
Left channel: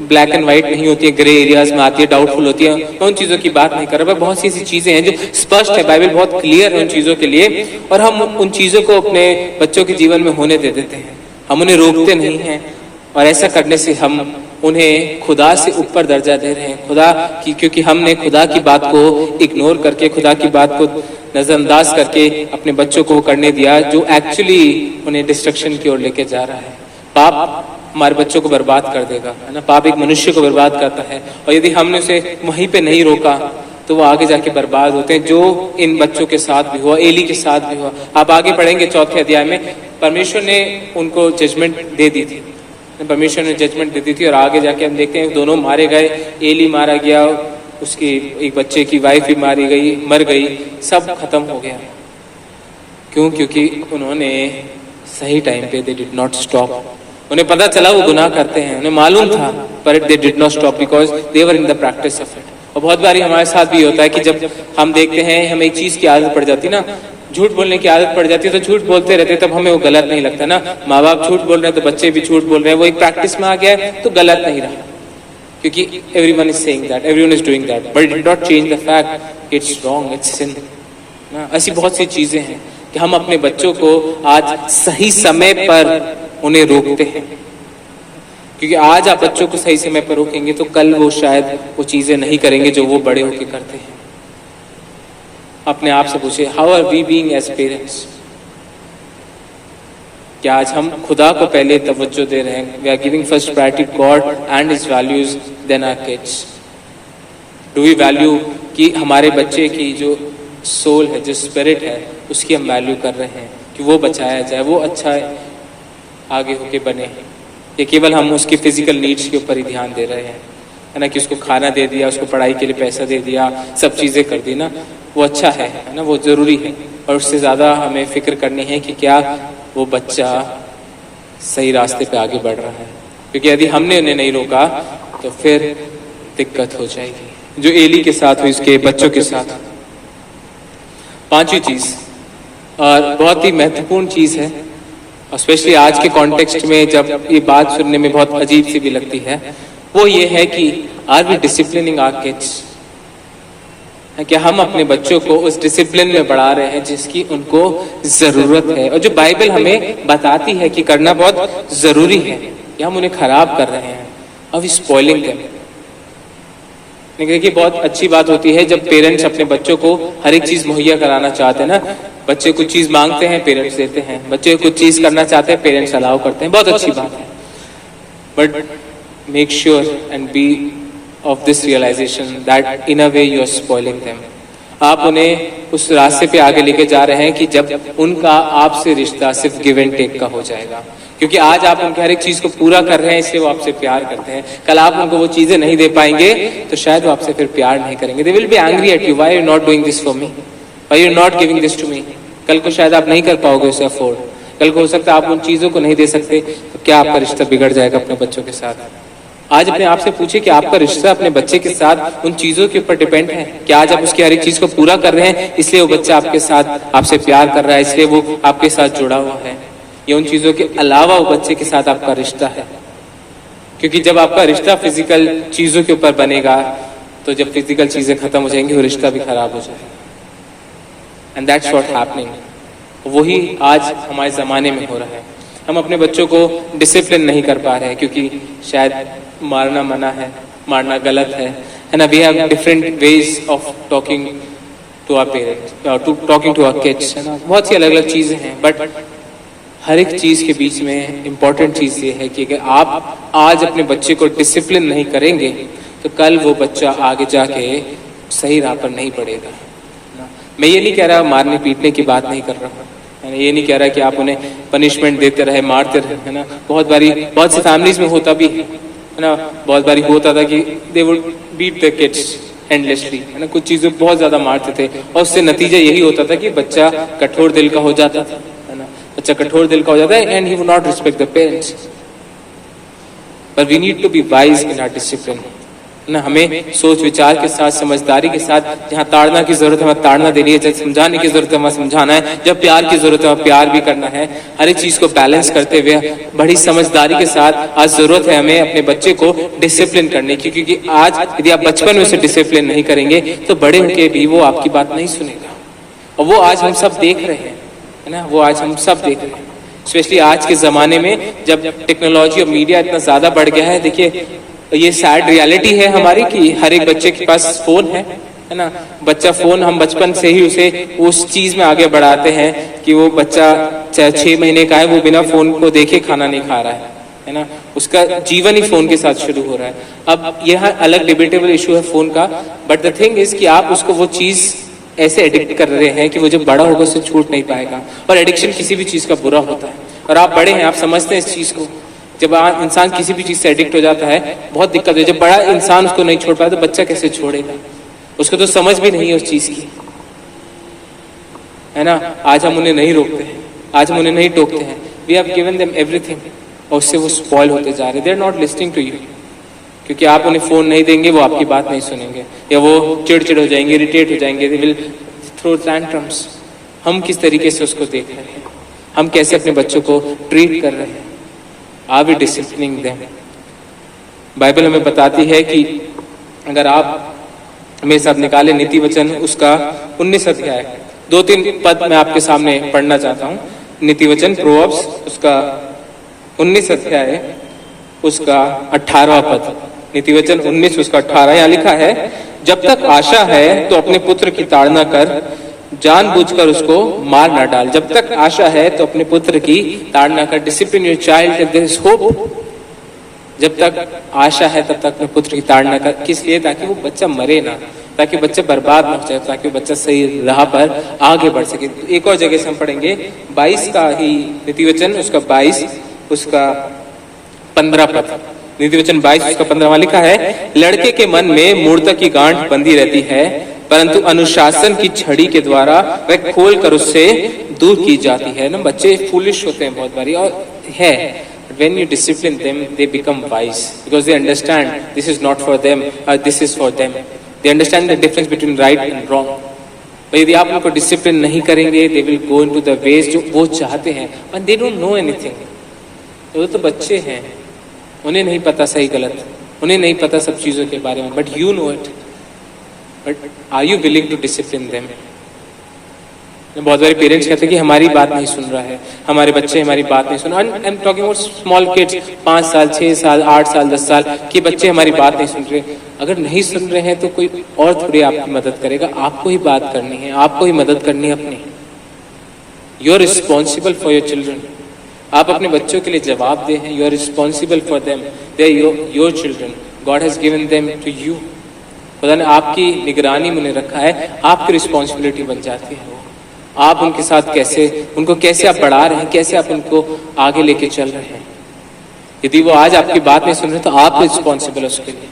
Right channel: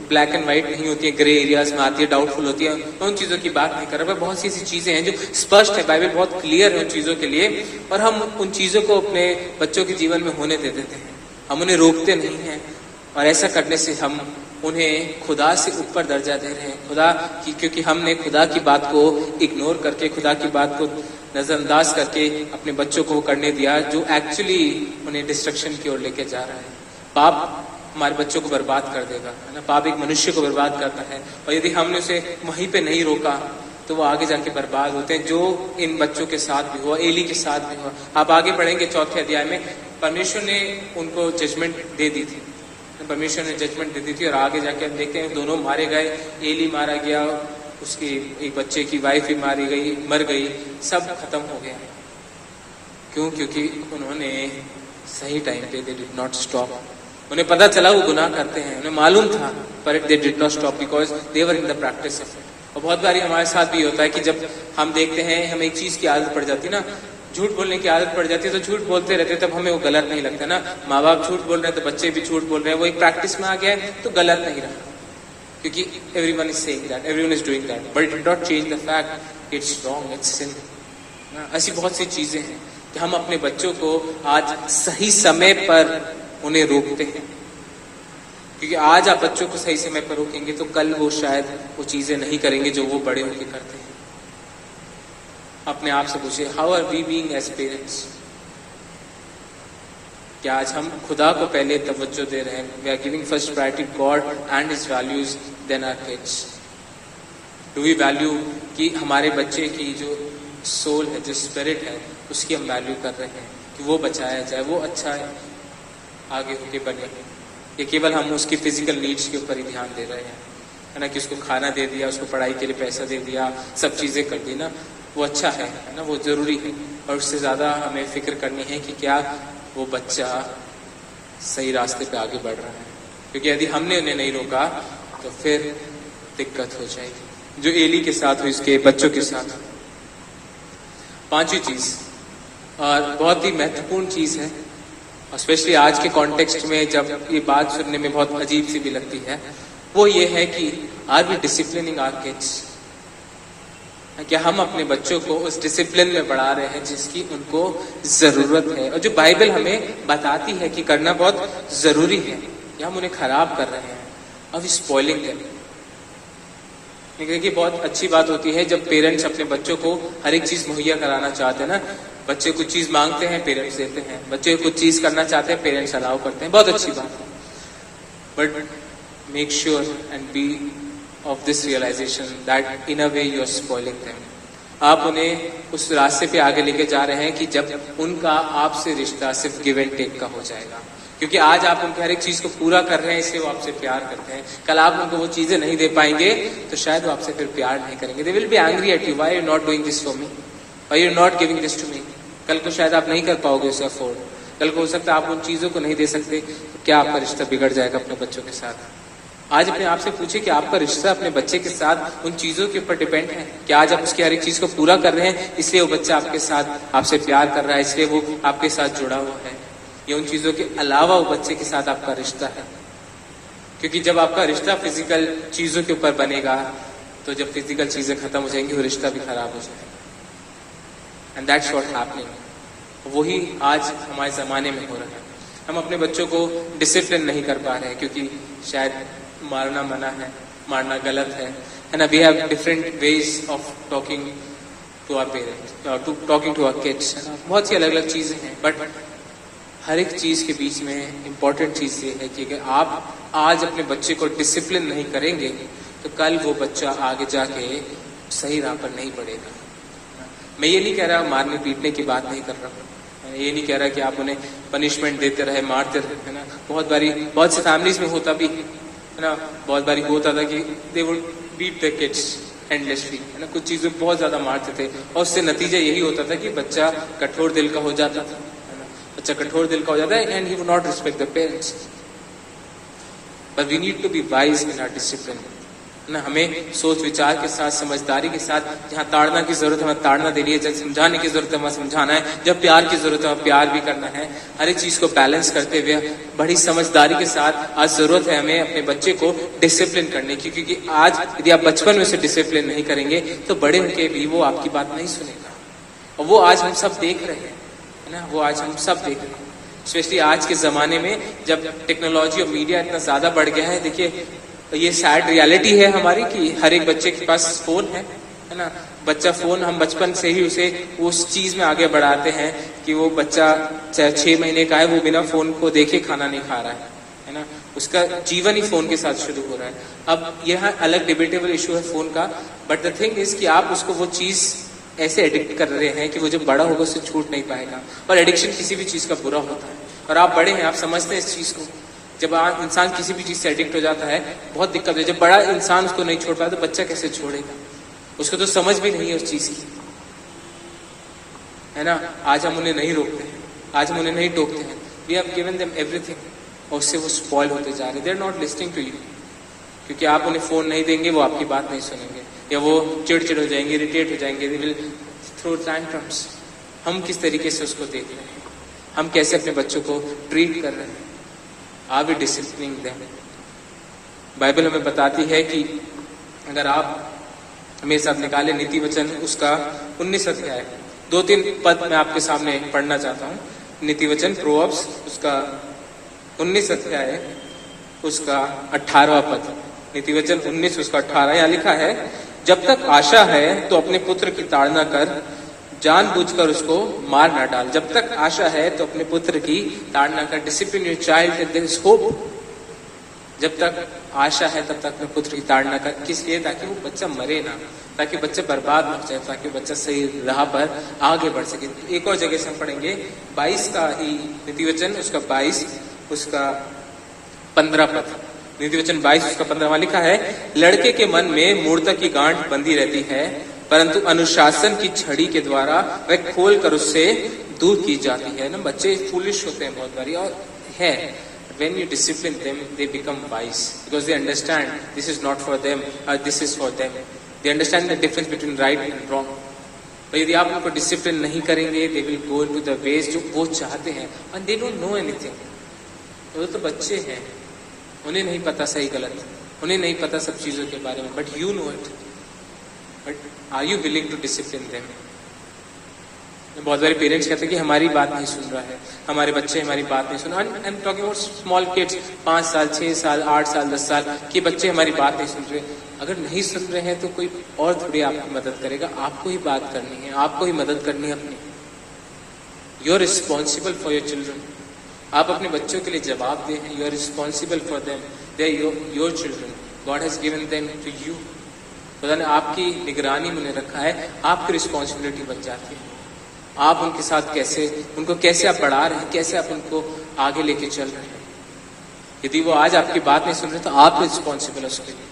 ब्लैक एंड व्हाइट नहीं होती है, ग्रे एरियाज में आती है, डाउटफुल होती है, उन चीजों की बात नहीं कर रहा। बहुत सी ऐसी चीजें हैं जो स्पष्ट है, बाइबल बहुत क्लियर है उन चीजों के लिए, और हम उन चीजों को अपने बच्चों के जीवन में होने दे देते हैं, हम उन्हें रोकते नहीं हैं। और ऐसा करने से हम उन्हें खुदा से ऊपर दर्जा दे रहे हैं, खुदा की, क्योंकि हमने खुदा की बात को इग्नोर करके, खुदा की बात को नजरअंदाज करके अपने बच्चों को करने दिया जो एक्चुअली उन्हें डिस्ट्रक्शन की ओर लेके जा रहा है। पाप हमारे बच्चों को बर्बाद कर देगा, है ना। पाप एक मनुष्य को बर्बाद करता है, और यदि हमने उसे वहीं पे नहीं रोका तो वो आगे जाके बर्बाद होते हैं, जो इन बच्चों के साथ भी हुआ, एली के साथ भी हुआ। आप आगे पढ़ेंगे 4 अध्याय में, परमेश्वर ने उनको जजमेंट दे दी थी, परमेश्वर ने जजमेंट दे दी थी, और आगे जाके हम देखते हैं दोनों मारे गए, एली मारा गया, उसकी एक बच्चे की वाइफ भी मर गई, सब खत्म हो गया। क्यों? क्योंकि उन्होंने सही टाइम पे दे डिड नॉट स्टॉप। उन्हें पता चला वो गुनाह करते हैं, उन्हें मालूम था, पर they did not stop because they were in the practice of it. और बहुत बारी हमारे साथ भी होता है कि जब हम देखते हैं हमें एक चीज की आदत पड़ जाती ना, झूठ बोलने की आदत पड़ जाती है, तो झूठ बोलते रहते हैं, तब हमें वो गलत नहीं लगता ना। माँ बाप झूठ बोल रहे हैं तो बच्चे भी झूठ बोल रहे हैं, वो एक प्रैक्टिस में आ गया है तो गलत नहीं रहा, क्योंकि everyone is saying that, everyone is doing that, but it did not change the fact it's wrong, it's sin. ऐसी बहुत सी चीजें हैं कि हम अपने बच्चों को आज सही समय पर उन्हें रोकते हैं, क्योंकि आज आप बच्चों को सही समय पर रोकेंगे तो कल वो शायद वो चीजें नहीं करेंगे जो वो बड़े होकर करते हैं। अपने आप से पूछिए, how are we being as parents? क्या आज हम खुदा को पहले तवज्जो दे रहे हैं? We are giving first priority God and his values than our kids. Do we value कि हमारे बच्चे की जो सोल है, जो स्पिरिट है, उसकी हम वैल्यू कर रहे हैं कि वो बचाया जाए, वो अच्छा आगे होके बने, या केवल हम उसकी फिजिकल नीड्स के ऊपर ही ध्यान दे रहे हैं, है ना, कि उसको खाना दे दिया, उसको पढ़ाई के लिए पैसा दे दिया, सब चीजें कर दी ना, वो अच्छा है ना, वो जरूरी है, और उससे ज्यादा हमें फिक्र करनी है कि क्या वो बच्चा सही रास्ते पे आगे बढ़ रहा है, क्योंकि यदि हमने उन्हें नहीं रोका तो फिर दिक्कत हो जाएगी, जो एली के साथ हुई, उसके बच्चों के साथ। पांचवी चीज, और बहुत ही महत्वपूर्ण चीज है, स्पेशली आज के कॉन्टेक्स्ट में जब ये बात सुनने में बहुत अजीब सी भी लगती है, वो ये है कि are we disciplining our kids? क्या हम अपने बच्चों को उस डिसिप्लिन में बढ़ा रहे हैं जिसकी उनको जरूरत है, और जो बाइबल हमें बताती है कि करना बहुत जरूरी है, या हम उन्हें खराब कर रहे हैं? और वी स्पॉइलिंग देम। देखिए, बहुत अच्छी बात होती है जब पेरेंट्स अपने बच्चों को हर एक चीज मुहैया कराना चाहते हैं ना। बच्चे कुछ चीज मांगते हैं, पेरेंट्स देते हैं, बच्चे कुछ चीज करना चाहते हैं, पेरेंट्स अलाउ करते हैं, बहुत अच्छी बात है, but make sure and be of this realization that in a way you are spoiling them. आप उन्हें उस रास्ते पे आगे लेके जा रहे हैं कि जब उनका आपसे रिश्ता सिर्फ गिव एंड टेक का हो जाएगा, क्योंकि आज आप उनके हर एक चीज को पूरा कर रहे हैं, इसलिए वो आपसे प्यार करते हैं। कल आप उनको वो चीजें नहीं दे पाएंगे तो शायद वो आपसे फिर प्यार नहीं करेंगे। They will be angry at you. Why you not doing this for me? Why you not giving this to me? कल को शायद आप नहीं कर पाओगे उसे अफोर्ड, कल को हो सकता है आप उन चीजों को नहीं दे सकते, तो क्या आपका रिश्ता बिगड़ जाएगा अपने बच्चों के साथ? आज अपने आप से पूछिए कि आपका रिश्ता अपने बच्चे के साथ उन चीजों के ऊपर डिपेंड है? क्या आज आप उसकी हर एक चीज को पूरा कर रहे हैं इसलिए वो बच्चा आपके साथ आपसे प्यार कर रहा है, इसलिए वो आपके साथ जुड़ा हुआ है, या उन चीजों के अलावा वो बच्चे के साथ आपका रिश्ता है? क्योंकि जब आपका रिश्ता फिजिकल चीजों के ऊपर बनेगा तो जब फिजिकल चीजें खत्म हो जाएंगी वो रिश्ता भी खराब हो जाएगा, एंड दैट्स व्हाट हैपनिंग। वही आज हमारे जमाने में हो रहा है। हम अपने बच्चों को डिसिप्लिन नहीं कर पा रहे हैं क्योंकि शायद मारना मना है, मारना गलत है ना। We have different ways of talking to our parents और टॉकिंग टू आवर किड्स, है ना। बहुत सी अलग अलग चीजें हैं, बट हर एक चीज के बीच में इम्पोर्टेंट चीज ये है कि अगर आप आज अपने बच्चे को डिसिप्लिन नहीं करेंगे तो कल वो बच्चा आगे जाके सही राह पर नहीं पड़ेगा। मैं ये नहीं कह रहा मारने पीटने की बात नहीं कर रहा हूँ, मैं ये नहीं कह रहा कि आप उन्हें पनिशमेंट देते रहे, मारते रहे, है ना। बहुत बारी बहुत सी फैमिलीज में होता भी है ना, बहुत बारी होता था कि they would beat the kids endlessly, है ना। कुछ चीजों बहुत ज्यादा मारते थे और उससे नतीजा यही होता था कि बच्चा कठोर दिल का हो जाता था, है ना। बच्चा कठोर दिल का हो जाता है and he would not respect the parents. But we need to be wise in our discipline, ना। हमें सोच विचार के साथ, समझदारी के साथ, जहाँ ताड़ना की जरूरत है वहाँ ताड़ना देनी है, जब समझाने की जरूरत है वहाँ समझाना है, जब प्यार की जरूरत है वहाँ प्यार भी करना है। हर एक चीज को बैलेंस करते हुए बड़ी समझदारी के साथ आज जरूरत है हमें अपने बच्चे को डिसिप्लिन करने की, क्योंकि आज यदि आप बचपन में उसे डिसिप्लिन नहीं करेंगे तो बड़े होके भी वो आपकी बात नहीं सुनेगा। और वो आज हम सब देख रहे हैं, है ना, वो आज हम सब देख रहे हैं, स्पेशली आज के जमाने में जब टेक्नोलॉजी और मीडिया इतना ज्यादा बढ़ गया है। देखिए, ये सैड रियलिटी है हमारी कि हर एक बच्चे के पास फोन है ना। बच्चा फोन, हम बचपन से ही उसे उस चीज में आगे बढ़ाते हैं कि वो बच्चा चाहे 6 महीने का है, वो बिना फोन को देखे खाना नहीं खा रहा है ना। उसका जीवन ही फोन के साथ शुरू हो रहा है। अब यह अलग डिबेटेबल इशू है फोन का, बट द थिंग इज कि आप उसको वो चीज ऐसे एडिक्ट कर रहे हैं कि वो जब बड़ा होगा उससे छूट नहीं पाएगा। और एडिक्शन किसी भी चीज का बुरा होता है, और आप बड़े हैं, आप समझते हैं इस चीज को। जब इंसान किसी भी चीज से एडिक्ट हो जाता है बहुत दिक्कत है। जब बड़ा इंसान उसको नहीं छोड़ पाया तो बच्चा कैसे छोड़ेगा? उसको तो समझ भी नहीं है उस चीज की, है ना। आज हम उन्हें नहीं रोकते हैं, आज हम उन्हें नहीं टोकते हैं। We have given them everything, और उससे वो स्पॉइल होते जा रहे। They are not listening to you, क्योंकि आप उन्हें फोन नहीं देंगे, वो आपकी बात नहीं सुनेंगे, या वो चिड़चिड़ हो जाएंगे, इरिटेट हो जाएंगे, दे विल थ्रो टैंट्रम्स। हम किस तरीके से उसको देख रहे हैं, हम कैसे अपने बच्चों को ट्रीट कर रहे हैं, are we disciplining them? Bible हमें बताती है कि अगर आप मेरे साथ निकाले नीति वचन उसका 19 अध्याय, 2-3 पद मैं आपके सामने पढ़ना चाहता हूँ। नीति वचन प्रोवर्ब्स उसका 19 अध्याय उसका 18वां पद, नीति वचन 19 उसका 18, यहाँ लिखा है, जब तक आशा है तो अपने पुत्र की ताड़ना कर, जानबूझकर उसको मार ना डाल। जब तक आशा है तो अपने पुत्र की ताड़ना कर। Discipline your child if there is hope. जब तक आशा है तब तक अपने पुत्र की ताड़ना कर। किस लिए? ताकि वो बच्चा मरे ना, ताकि बच्चा बर्बाद न हो जाए, ताकि बच्चा सही राह पर आगे बढ़ सके। एक और जगह से हम पढ़ेंगे 22 का ही नीति वचन उसका 22 उसका 15 पद, नीति वचन 22 उसका 15 लिखा है, लड़के के मन में मूर्ता की गांठ बंधी रहती है, परंतु अनुशासन की छड़ी के द्वारा वह खोल कर उससे दूर की जाती है। ना, बच्चे फूलिश होते हैं बहुत बारी, और है when you discipline them they become wise because they understand this is not for them, this is for them. They understand the difference between right and wrong. पर यदि आप उनको डिसिप्लिन नहीं करेंगे, they will go into the ways जो वो चाहते हैं, and they don't know anything. वो तो बच्चे हैं, उन्हें नहीं पता सही गलत, उन्हें नहीं पता सब चीजों के बारे में, but you know it. But are you willing to discipline them? बहुत सारे पेरेंट्स कहते हैं कि हमारी बात नहीं सुन रहा है, हमारे बच्चे हमारी बात नहीं सुन रहे। I am talking about small kids, 5 साल 6 साल 8 साल 10 साल के बच्चे हमारी बात नहीं सुन रहे। अगर नहीं सुन रहे हैं तो कोई और थोड़ी आपकी मदद करेगा, आपको ही बात करनी है, आपको ही मदद करनी है अपनी। You are responsible for your children. आप अपने बच्चों के लिए जवाबदेह हैं। You are responsible for them, they are your children, God has given them to you. खुदा ने आपकी निगरानी में रखा है, आपकी रिस्पॉन्सिबिलिटी बन जाती है। आप उनके साथ कैसे, उनको कैसे आप बढ़ा रहे हैं, कैसे आप उनको आगे लेके चल रहे हैं। यदि वो आज आपकी बात नहीं सुन रहे तो आप रिस्पॉन्सिबल है उसके लिए।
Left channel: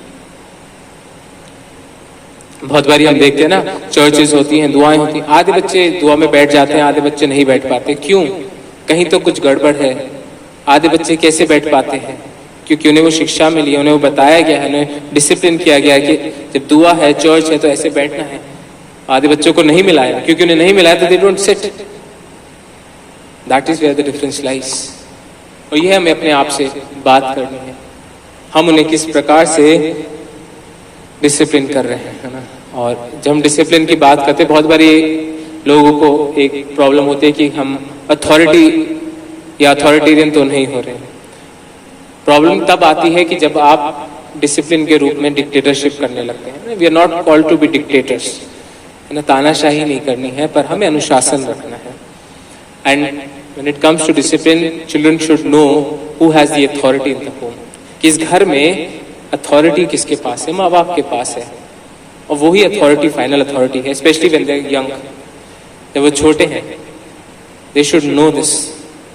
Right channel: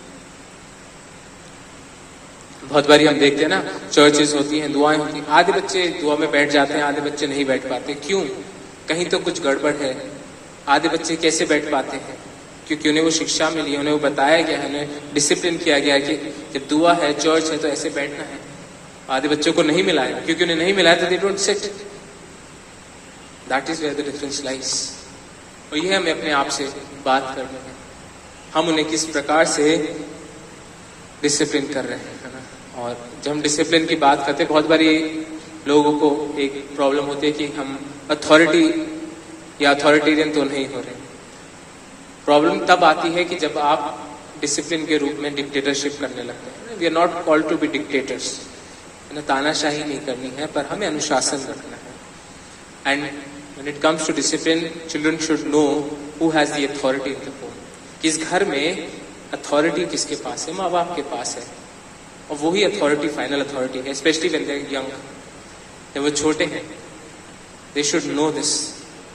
बहुत बारी हम देखते हैं ना, चर्चेस होती हैं, दुआएं होती हैं, आधे बच्चे दुआ में बैठ जाते हैं, आधे बच्चे नहीं बैठ पाते। क्यों? कहीं तो कुछ गड़बड़ है। आधे बच्चे कैसे बैठ पाते हैं? क्योंकि उन्हें वो शिक्षा मिली है, उन्हें वो बताया गया है, उन्हें डिसिप्लिन किया गया है कि जब दुआ है, चर्च है तो ऐसे बैठना है। आधे बच्चों को नहीं मिलाया, क्योंकि उन्हें नहीं मिलाया तो they don't sit. That is where the difference lies. और यह हमें अपने आप से बात करनी है, हम उन्हें किस प्रकार से डिसिप्लिन कर रहे हैं, है ना। और जब हम डिसिप्लिन की बात करते हैं, बहुत बारी लोगों को एक प्रॉब्लम होती है कि हम अथॉरिटी या अथॉरिटेरियन तो नहीं हो रहे। प्रॉब्लम तब आती है कि जब आप डिसिप्लिन के रूप में डिक्टेटरशिप करने लगते हैं। We are not called to be dictators, ना तानाशाही नहीं करनी है, पर हमें अनुशासन रखना है। And when it comes to discipline, children should know who has the authority in the home. कि इस घर में अथॉरिटी किसके पास है? माँ बाप के पास है, और वही अथॉरिटी फाइनल अथॉरिटी है। Specially when they are young, जब वो छोटे हैं, they should know this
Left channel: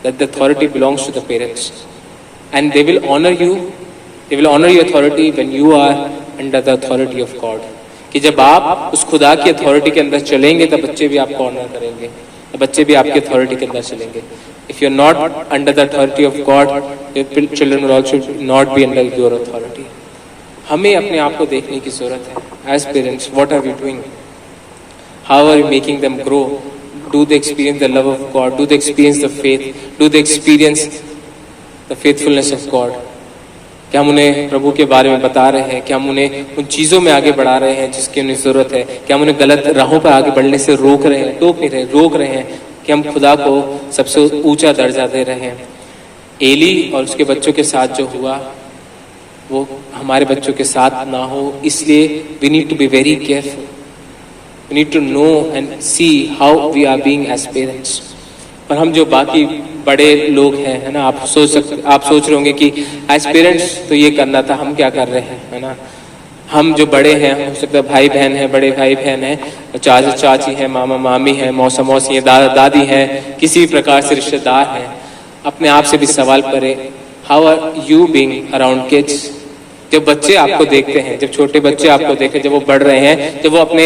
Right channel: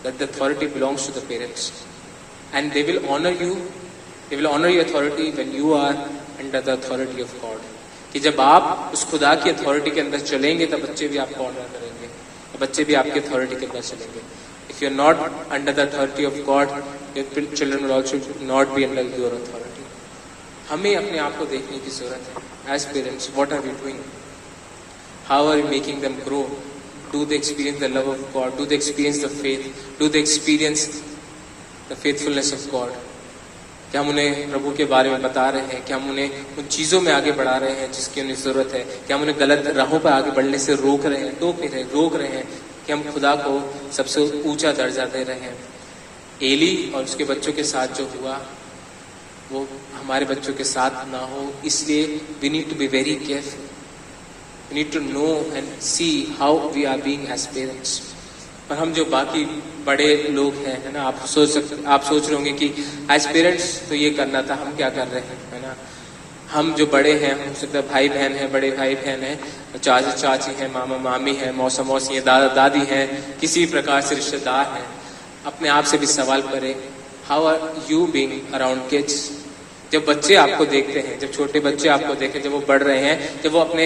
that the authority belongs to the parents and they will honour you, they will honour your authority when you are under the authority of God. कि जब आप उस खुदा की अथॉरिटी के अंदर चलेंगे तब बच्चे भी आपको ऑनर करेंगे, बच्चे भी आपकी अथॉरिटी के अंदर चलेंगे। If you are not under the authority of God, your children will also not be under your authority. हमें अपने आप को देखने की जरूरत है as parents. What are we doing? How are you making them grow? Do they experience the love of God? Do they experience the faith? Do they experience the faithfulness of God? क्या हम उन्हें प्रभु के बारे में बता रहे हैं? क्या हम उन्हें उन चीजों में आगे बढ़ा रहे हैं जिसकी उन्हें जरूरत है? क्या हम उन्हें गलत राहों पर आगे बढ़ने से रोक रहे हैं, टोक नहीं रहे, रोक रहे हैं? कि हम खुदा को सबसे ऊंचा दर्जा दे रहे हैं? एली और उसके बच्चों के साथ जो हुआ वो हमारे बच्चों के साथ ना हो, इसलिए we need to be very careful. We need to know and see how we are being as parents. पर हम जो बाकी बड़े लोग हैं, है ना, आप सोच रहे होंगे कि एज पेरेंट्स तो ये करना था, हम क्या कर रहे हैं, है ना। हम जो बड़े हैं, हो सकता है भाई बहन है, बड़े भाई बहन है, चाचा चाची है, मामा मामी है, मौसा मौसी है, दादा दादी है, किसी प्रकार से रिश्तेदार हैं, अपने आप से भी सवाल करें, how are you being around kids? जब बच्चे आपको देखते हैं, जब छोटे बच्चे आपको देखें, जब वो बढ़ रहे हैं, जब वो अपने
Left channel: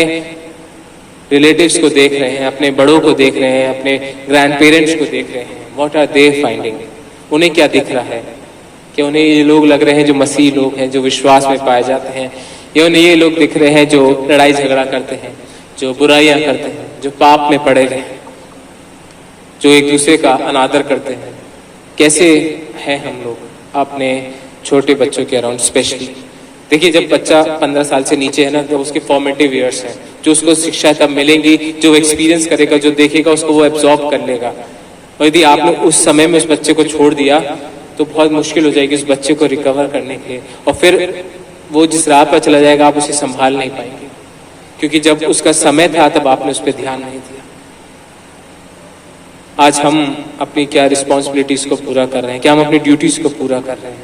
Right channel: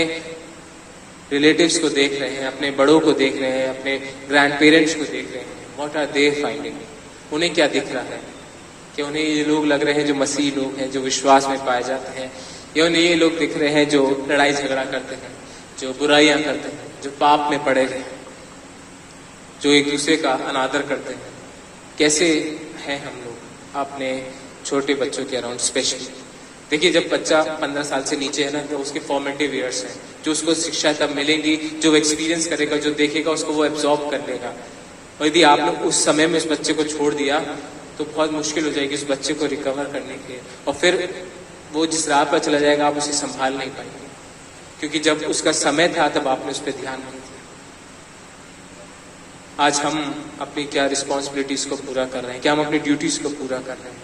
रिलेटिव्स को देख रहे हैं, अपने बड़ों को देख रहे हैं, अपने ग्रैंड पेरेंट्स को देख रहे हैं, व्हाट आर दे फाइंडिंग? उन्हें क्या दिख रहा है? कि उन्हें ये लोग लग रहे हैं जो मसीह लोग हैं, जो विश्वास में पाए जाते हैं, या उन्हें ये लोग दिख रहे हैं जो लड़ाई झगड़ा करते हैं, जो बुराइयां करते हैं, जो पाप में पड़े हुए हैं, जो एक दूसरे का अनादर करते हैं? कैसे हैं हम लोग अपने छोटे बच्चों के अराउंड? स्पेशली देखिए, जब बच्चा 15 साल से नीचे है ना, जब उसके फॉर्मेटिव ईयर्स हैं, जो उसको शिक्षा तब मिलेंगी, जो एक्सपीरियंस करेगा, जो देखेगा, उसको वो एब्जॉर्ब कर लेगा। और यदि आपने उस समय में उस बच्चे को छोड़ दिया तो बहुत मुश्किल हो जाएगी उस बच्चे को रिकवर करने के लिए, और फिर वो जिस राह पर चला जाएगा आप उसे संभाल नहीं पाएंगे, क्योंकि जब उसका समय था तब आपने उस पर ध्यान नहीं दिया। आज हम अपनी क्या रिस्पॉन्सिबिलिटीज को पूरा कर रहे हैं? क्या हम अपनी ड्यूटीज को पूरा कर रहे हैं?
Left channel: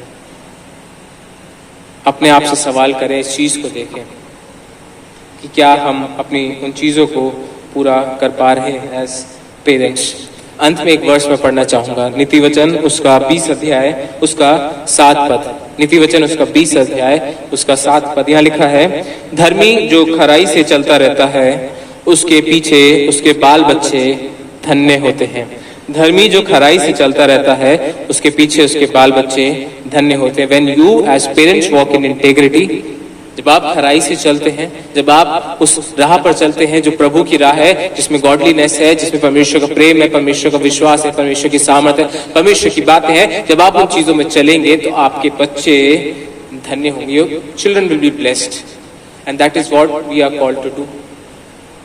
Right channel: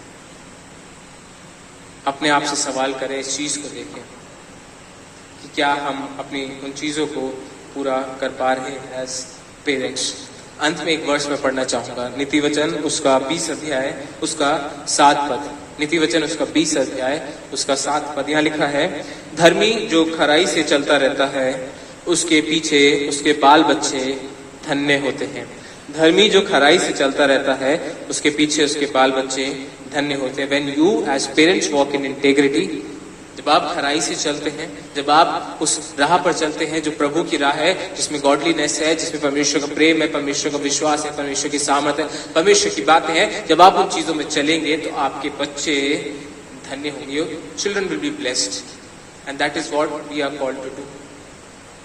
अपने आप से सवाल करें, इस चीज को देखें कि क्या हम अपनी उन चीजों को पूरा कर पा रहे हैं एज पेरेंट्स। अंत में एक वर्ष में पढ़ना चाहूंगा, नीति वचन उसका 20 अध्याय उसका 7 पद। नीति वचन उसका 20 अध्याय उसका 7 पद। यहाँ लिखा है, धर्मी जो खराई से चलता रहता है उसके पीछे उसके बाल बच्चे धन्य होते हैं। धर्मी जो खराई से चलता रहता है उसके पीछे उसके बाल बच्चे धन्य होते हैं। When you as parents walk in integrity, जब आप खराई से चलते हैं, जब आप उस राह पर चलते हैं जो प्रभु की राह है, जिसमें गॉडलीनेस है, जिसमें परमेश्वर का प्रेम है, परमेश्वर का विश्वास है, परमेश्वर की सामर्थ्य है, परमेश्वर की बातें हैं, जब आप उन चीजों में चलेंगे तो आपके बच्चे धन्य होंगे। Your children will be blessed and that is what we are called to do.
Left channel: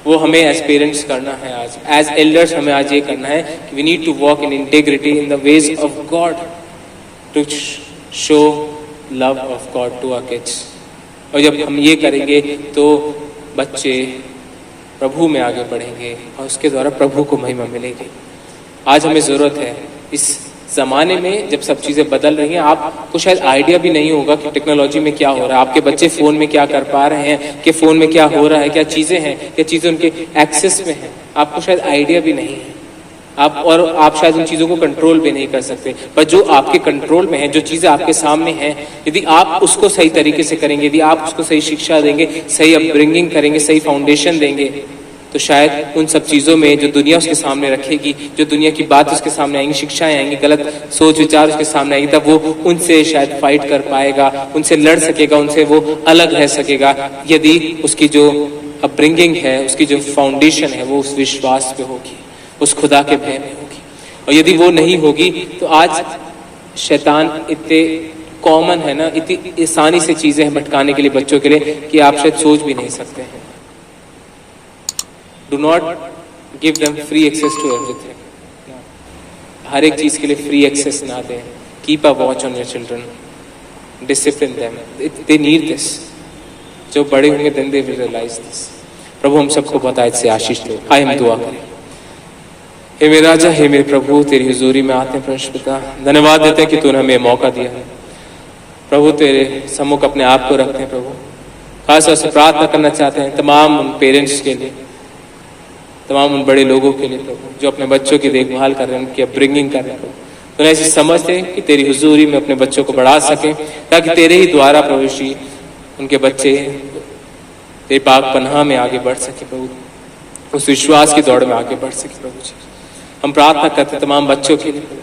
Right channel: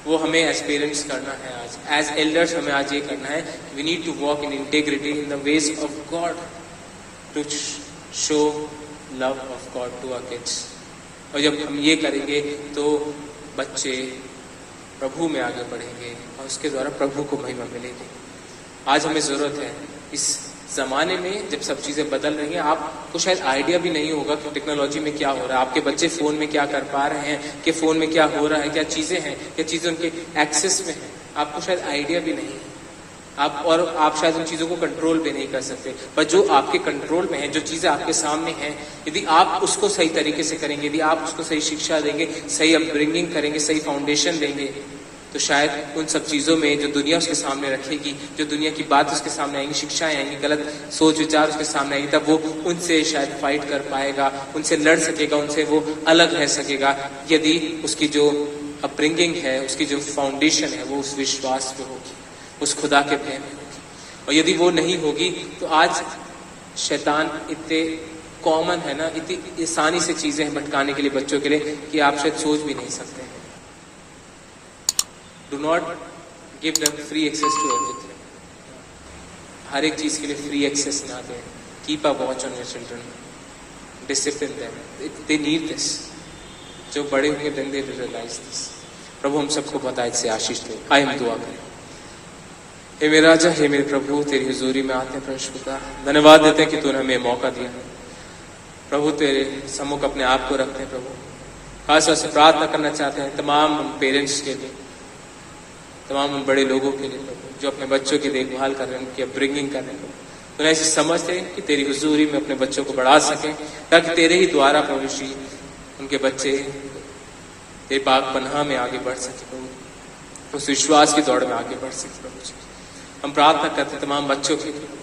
वो हमें एज पेरेंट्स करना है, आज एज एल्डर्स हमें आज ये करना है कि we need to walk in integrity in the ways of God to show love of God to our kids. और जब हम ये करेंगे तो बच्चे प्रभु में आगे बढ़ेंगे और उसके द्वारा प्रभु को महिमा मिलेगी। आज हमें जरूरत है, इस जमाने में जब सब चीजें बदल रही हैं, आपको शायद आइडिया भी नहीं होगा कि टेक्नोलॉजी में क्या हो रहा है, आपके बच्चे फोन में क्या कर पा रहे हैं, कि फोन में क्या हो रहा है, क्या चीजें हैं, क्या चीजें उनके एक्सेस में हैं, आपको शायद आइडिया भी नहीं है। आप शायद उन चीजों को कंट्रोल भी नहीं कर सकते, पर जो आपके कंट्रोल में है, जो चीजें आपके सामने हैं, यदि आप उसको सही तरीके से करेंगे, यदि आप उसको सही शिक्षा देंगे, सही अपब्रिंगिंग करेंगे, सही फाउंडेशन देंगे, तो शायद उन सब चीजों में जो दुनिया उसके सामने रखेगी, जो दुनिया की बात उसके सामने आएंगी, शिक्षाएं आएंगी, गलत सोच विचार उसके सामने आएंगी, तब वो उनसे शायद फाइट कर पाएगा, उनसे लड़ सकेगा, उनसे वो अलग रह सकेगा, यदि उसकी जो अपब्रिंगिंग है, उसकी जो फाउंडेशन है, वो उस विश्वास पे होगी, उस खुदा के भय में होगी। और यदि वो नहीं होगी तो आज शैतान इतने कॉमन है ना, इतनी आसानी से चीजें भटकाने के लिए बच्चों के लिए कि आप शायद सोच भी नहीं सकते हैं। Do not give them free access to everything. हर एक चीज के लिए फ्री एक्सेस ना दें। Keep a watch on your children. Discipline them. They need this. जो बड़े होंगे then they will realize this. प्रभु हम सबको बताए से आशीष दो। आइए हम दुआ करें। हे मेरे राजा, हे मेरे प्रभु, तेरी हुजूरी में आते हैं परमेश्वर पिता, धन्यवाद देते हैं कि तूने हमें मौका दिया है प्रभु, तेरे सम्मुख अपने आप को रखते हैं प्रभु। खास तौर से प्रार्थना करना चाहते हैं तमाम उन पेरेंट्स के लिए, तमाम उन बड़े लोगों के लिए प्रभु, जो अपने बच्चों की देखभाल कर रहे हैं, उनकी अपब्रिंगिंग कर रहे हैं प्रभु। तो ऐसी समझ है कि तेरी हुजूरी में अपने बच्चों को बढ़ा सके, ताकि तेरे ही द्वारा प्रभु श्री उनके बच्चे तेरे पाक पनाह में आगे बढ़ सके प्रभु, उस विश्वास की दौड़ में आगे बढ़ सके प्रभु जी। हम प्रार्थना करते तमाम बच्चों के लिए,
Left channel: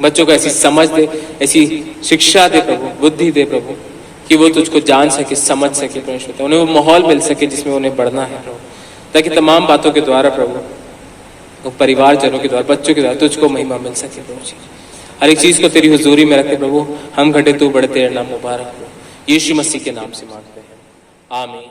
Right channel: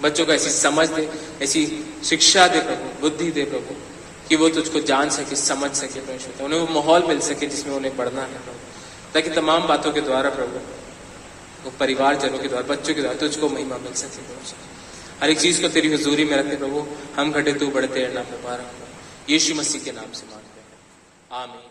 बच्चों को ऐसी समझ दे, ऐसी शिक्षा दे प्रभु, बुद्धि दे प्रभु, कि वो तुझको जान सके, समझ सके परमेश्वर, उन्हें वो माहौल मिल सके जिसमें उन्हें बढ़ना है प्रभु, ताकि तमाम बातों के द्वारा प्रभु, वो परिवारजनों के द्वारा, बच्चों के द्वारा तुझको महिमा मिल सके प्रभु जी। हर एक चीज को तेरी हुजूरी में रखे प्रभु, हम घटे तू बढ़े, तेरा नाम मुबारक हो। यीशु मसीह के नाम से मांगते हैं, आमीन।